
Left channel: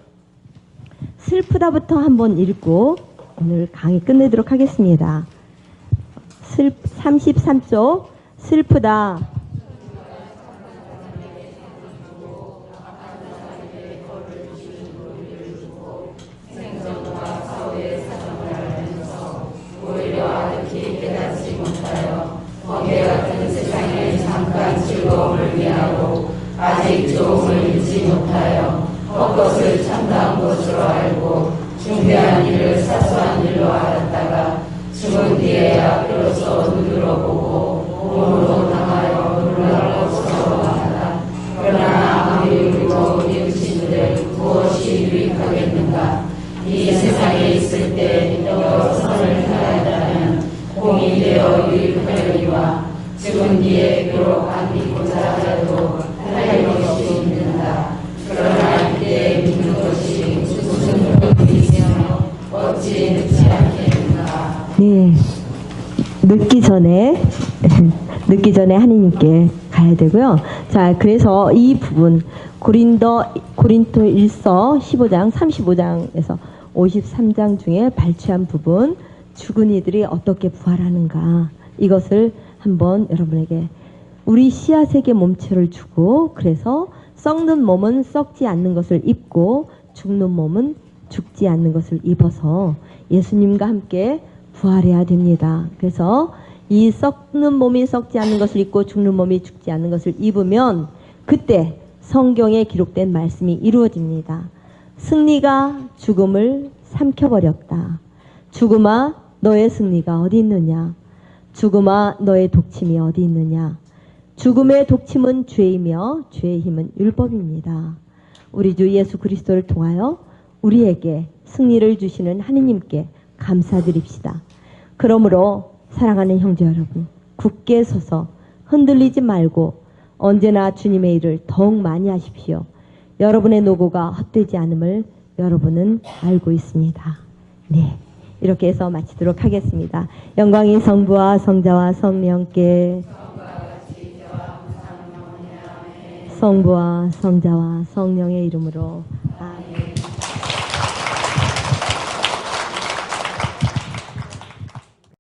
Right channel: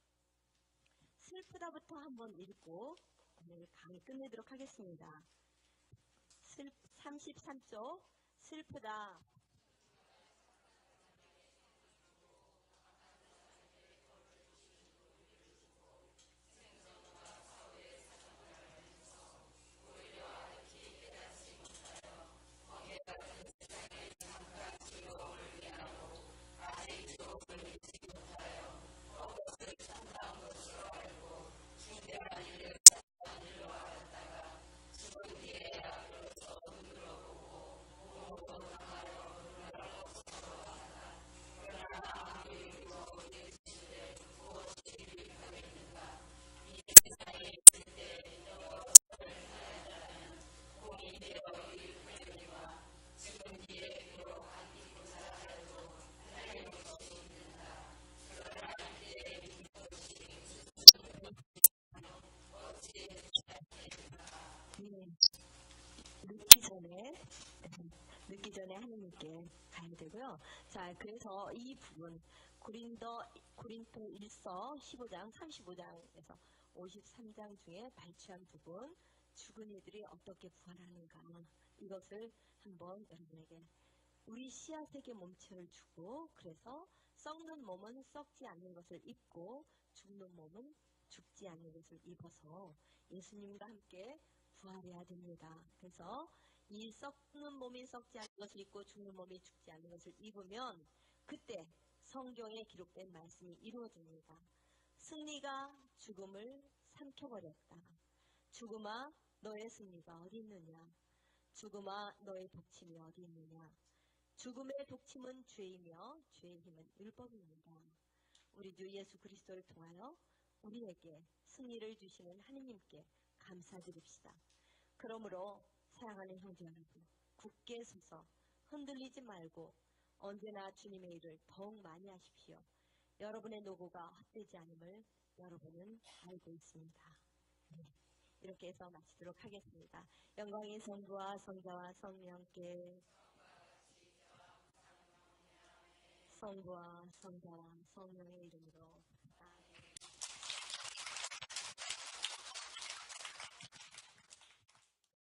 슬프다부터 한번 읽고 오늘 강의 끝내도록 하겠습니다. 33쪽 슬프다. 아직 조금을 잊지 못하여 헛것을 참다한 것으로 알고 중대한 일을 사소한 일로 알았다가 죽은 뒤에야 비로소 눈으로 보고 몸으로 당하여 놀라고 서러워하다. 그러나 아무리 울고 뉘우치는데 무엇이 유익하겠는가. 이 세상에 있을 때 여러 선을 행하였다면 공이 되어 유익하려니와 죽은 뒤에 비록 안 믿고자 하여도 할 것이 있는다. 그러나 이때 믿는 것이 무슨 믿으며 어찌 늦지 않겠는가. 네, 늦기 전에 하느님께 가야 되고요. 자, 그래서 이 부분 고린도 1서 15장 35장에서 53장 중에 발췌한 부분 죽은 이들이 어떻게 부활하는가 이것을 한번 여러분에게 우리 씨앗에게 몸체를 주고 그래서 썩는 몸은 썩지 않는 것을 입고 죽는 몸은 죽지 않는 것을 입어서 예수님과 함께 부활해야 됩니다. 그래서 이 썩는 몸이 썩지 않는 것을 입고 죽는 몸이 죽지 않는 것을 입으면 그때 성경에 기록된 말씀이 이루어집니다. 승리가 죽음을 삼켜버렸다. 죽음아 너의 승리가 어디 있느냐. 죽음아 너의 독침이 어디 있느냐. 죽음의 독침은 죄이며 죄의 힘은 율법입니다. 우리 주 예수 그리스도를 통하여 우리에게 승리를 주시는 하느님께 감사드립시다. 그러므로 사랑하는 형제 여러분, 굳게 서서 흔들리지 말고 언제나 주님의 일을 더욱 많이 하십시오. 여러분의 노고가 헛되지 않음을 여러분은 알고 있습니다. 네, 이렇게 해서 마치도록 하겠습니다. 영광이 성부와 성자와 성령께 성부와 성자와 성령의 이름으로 아멘.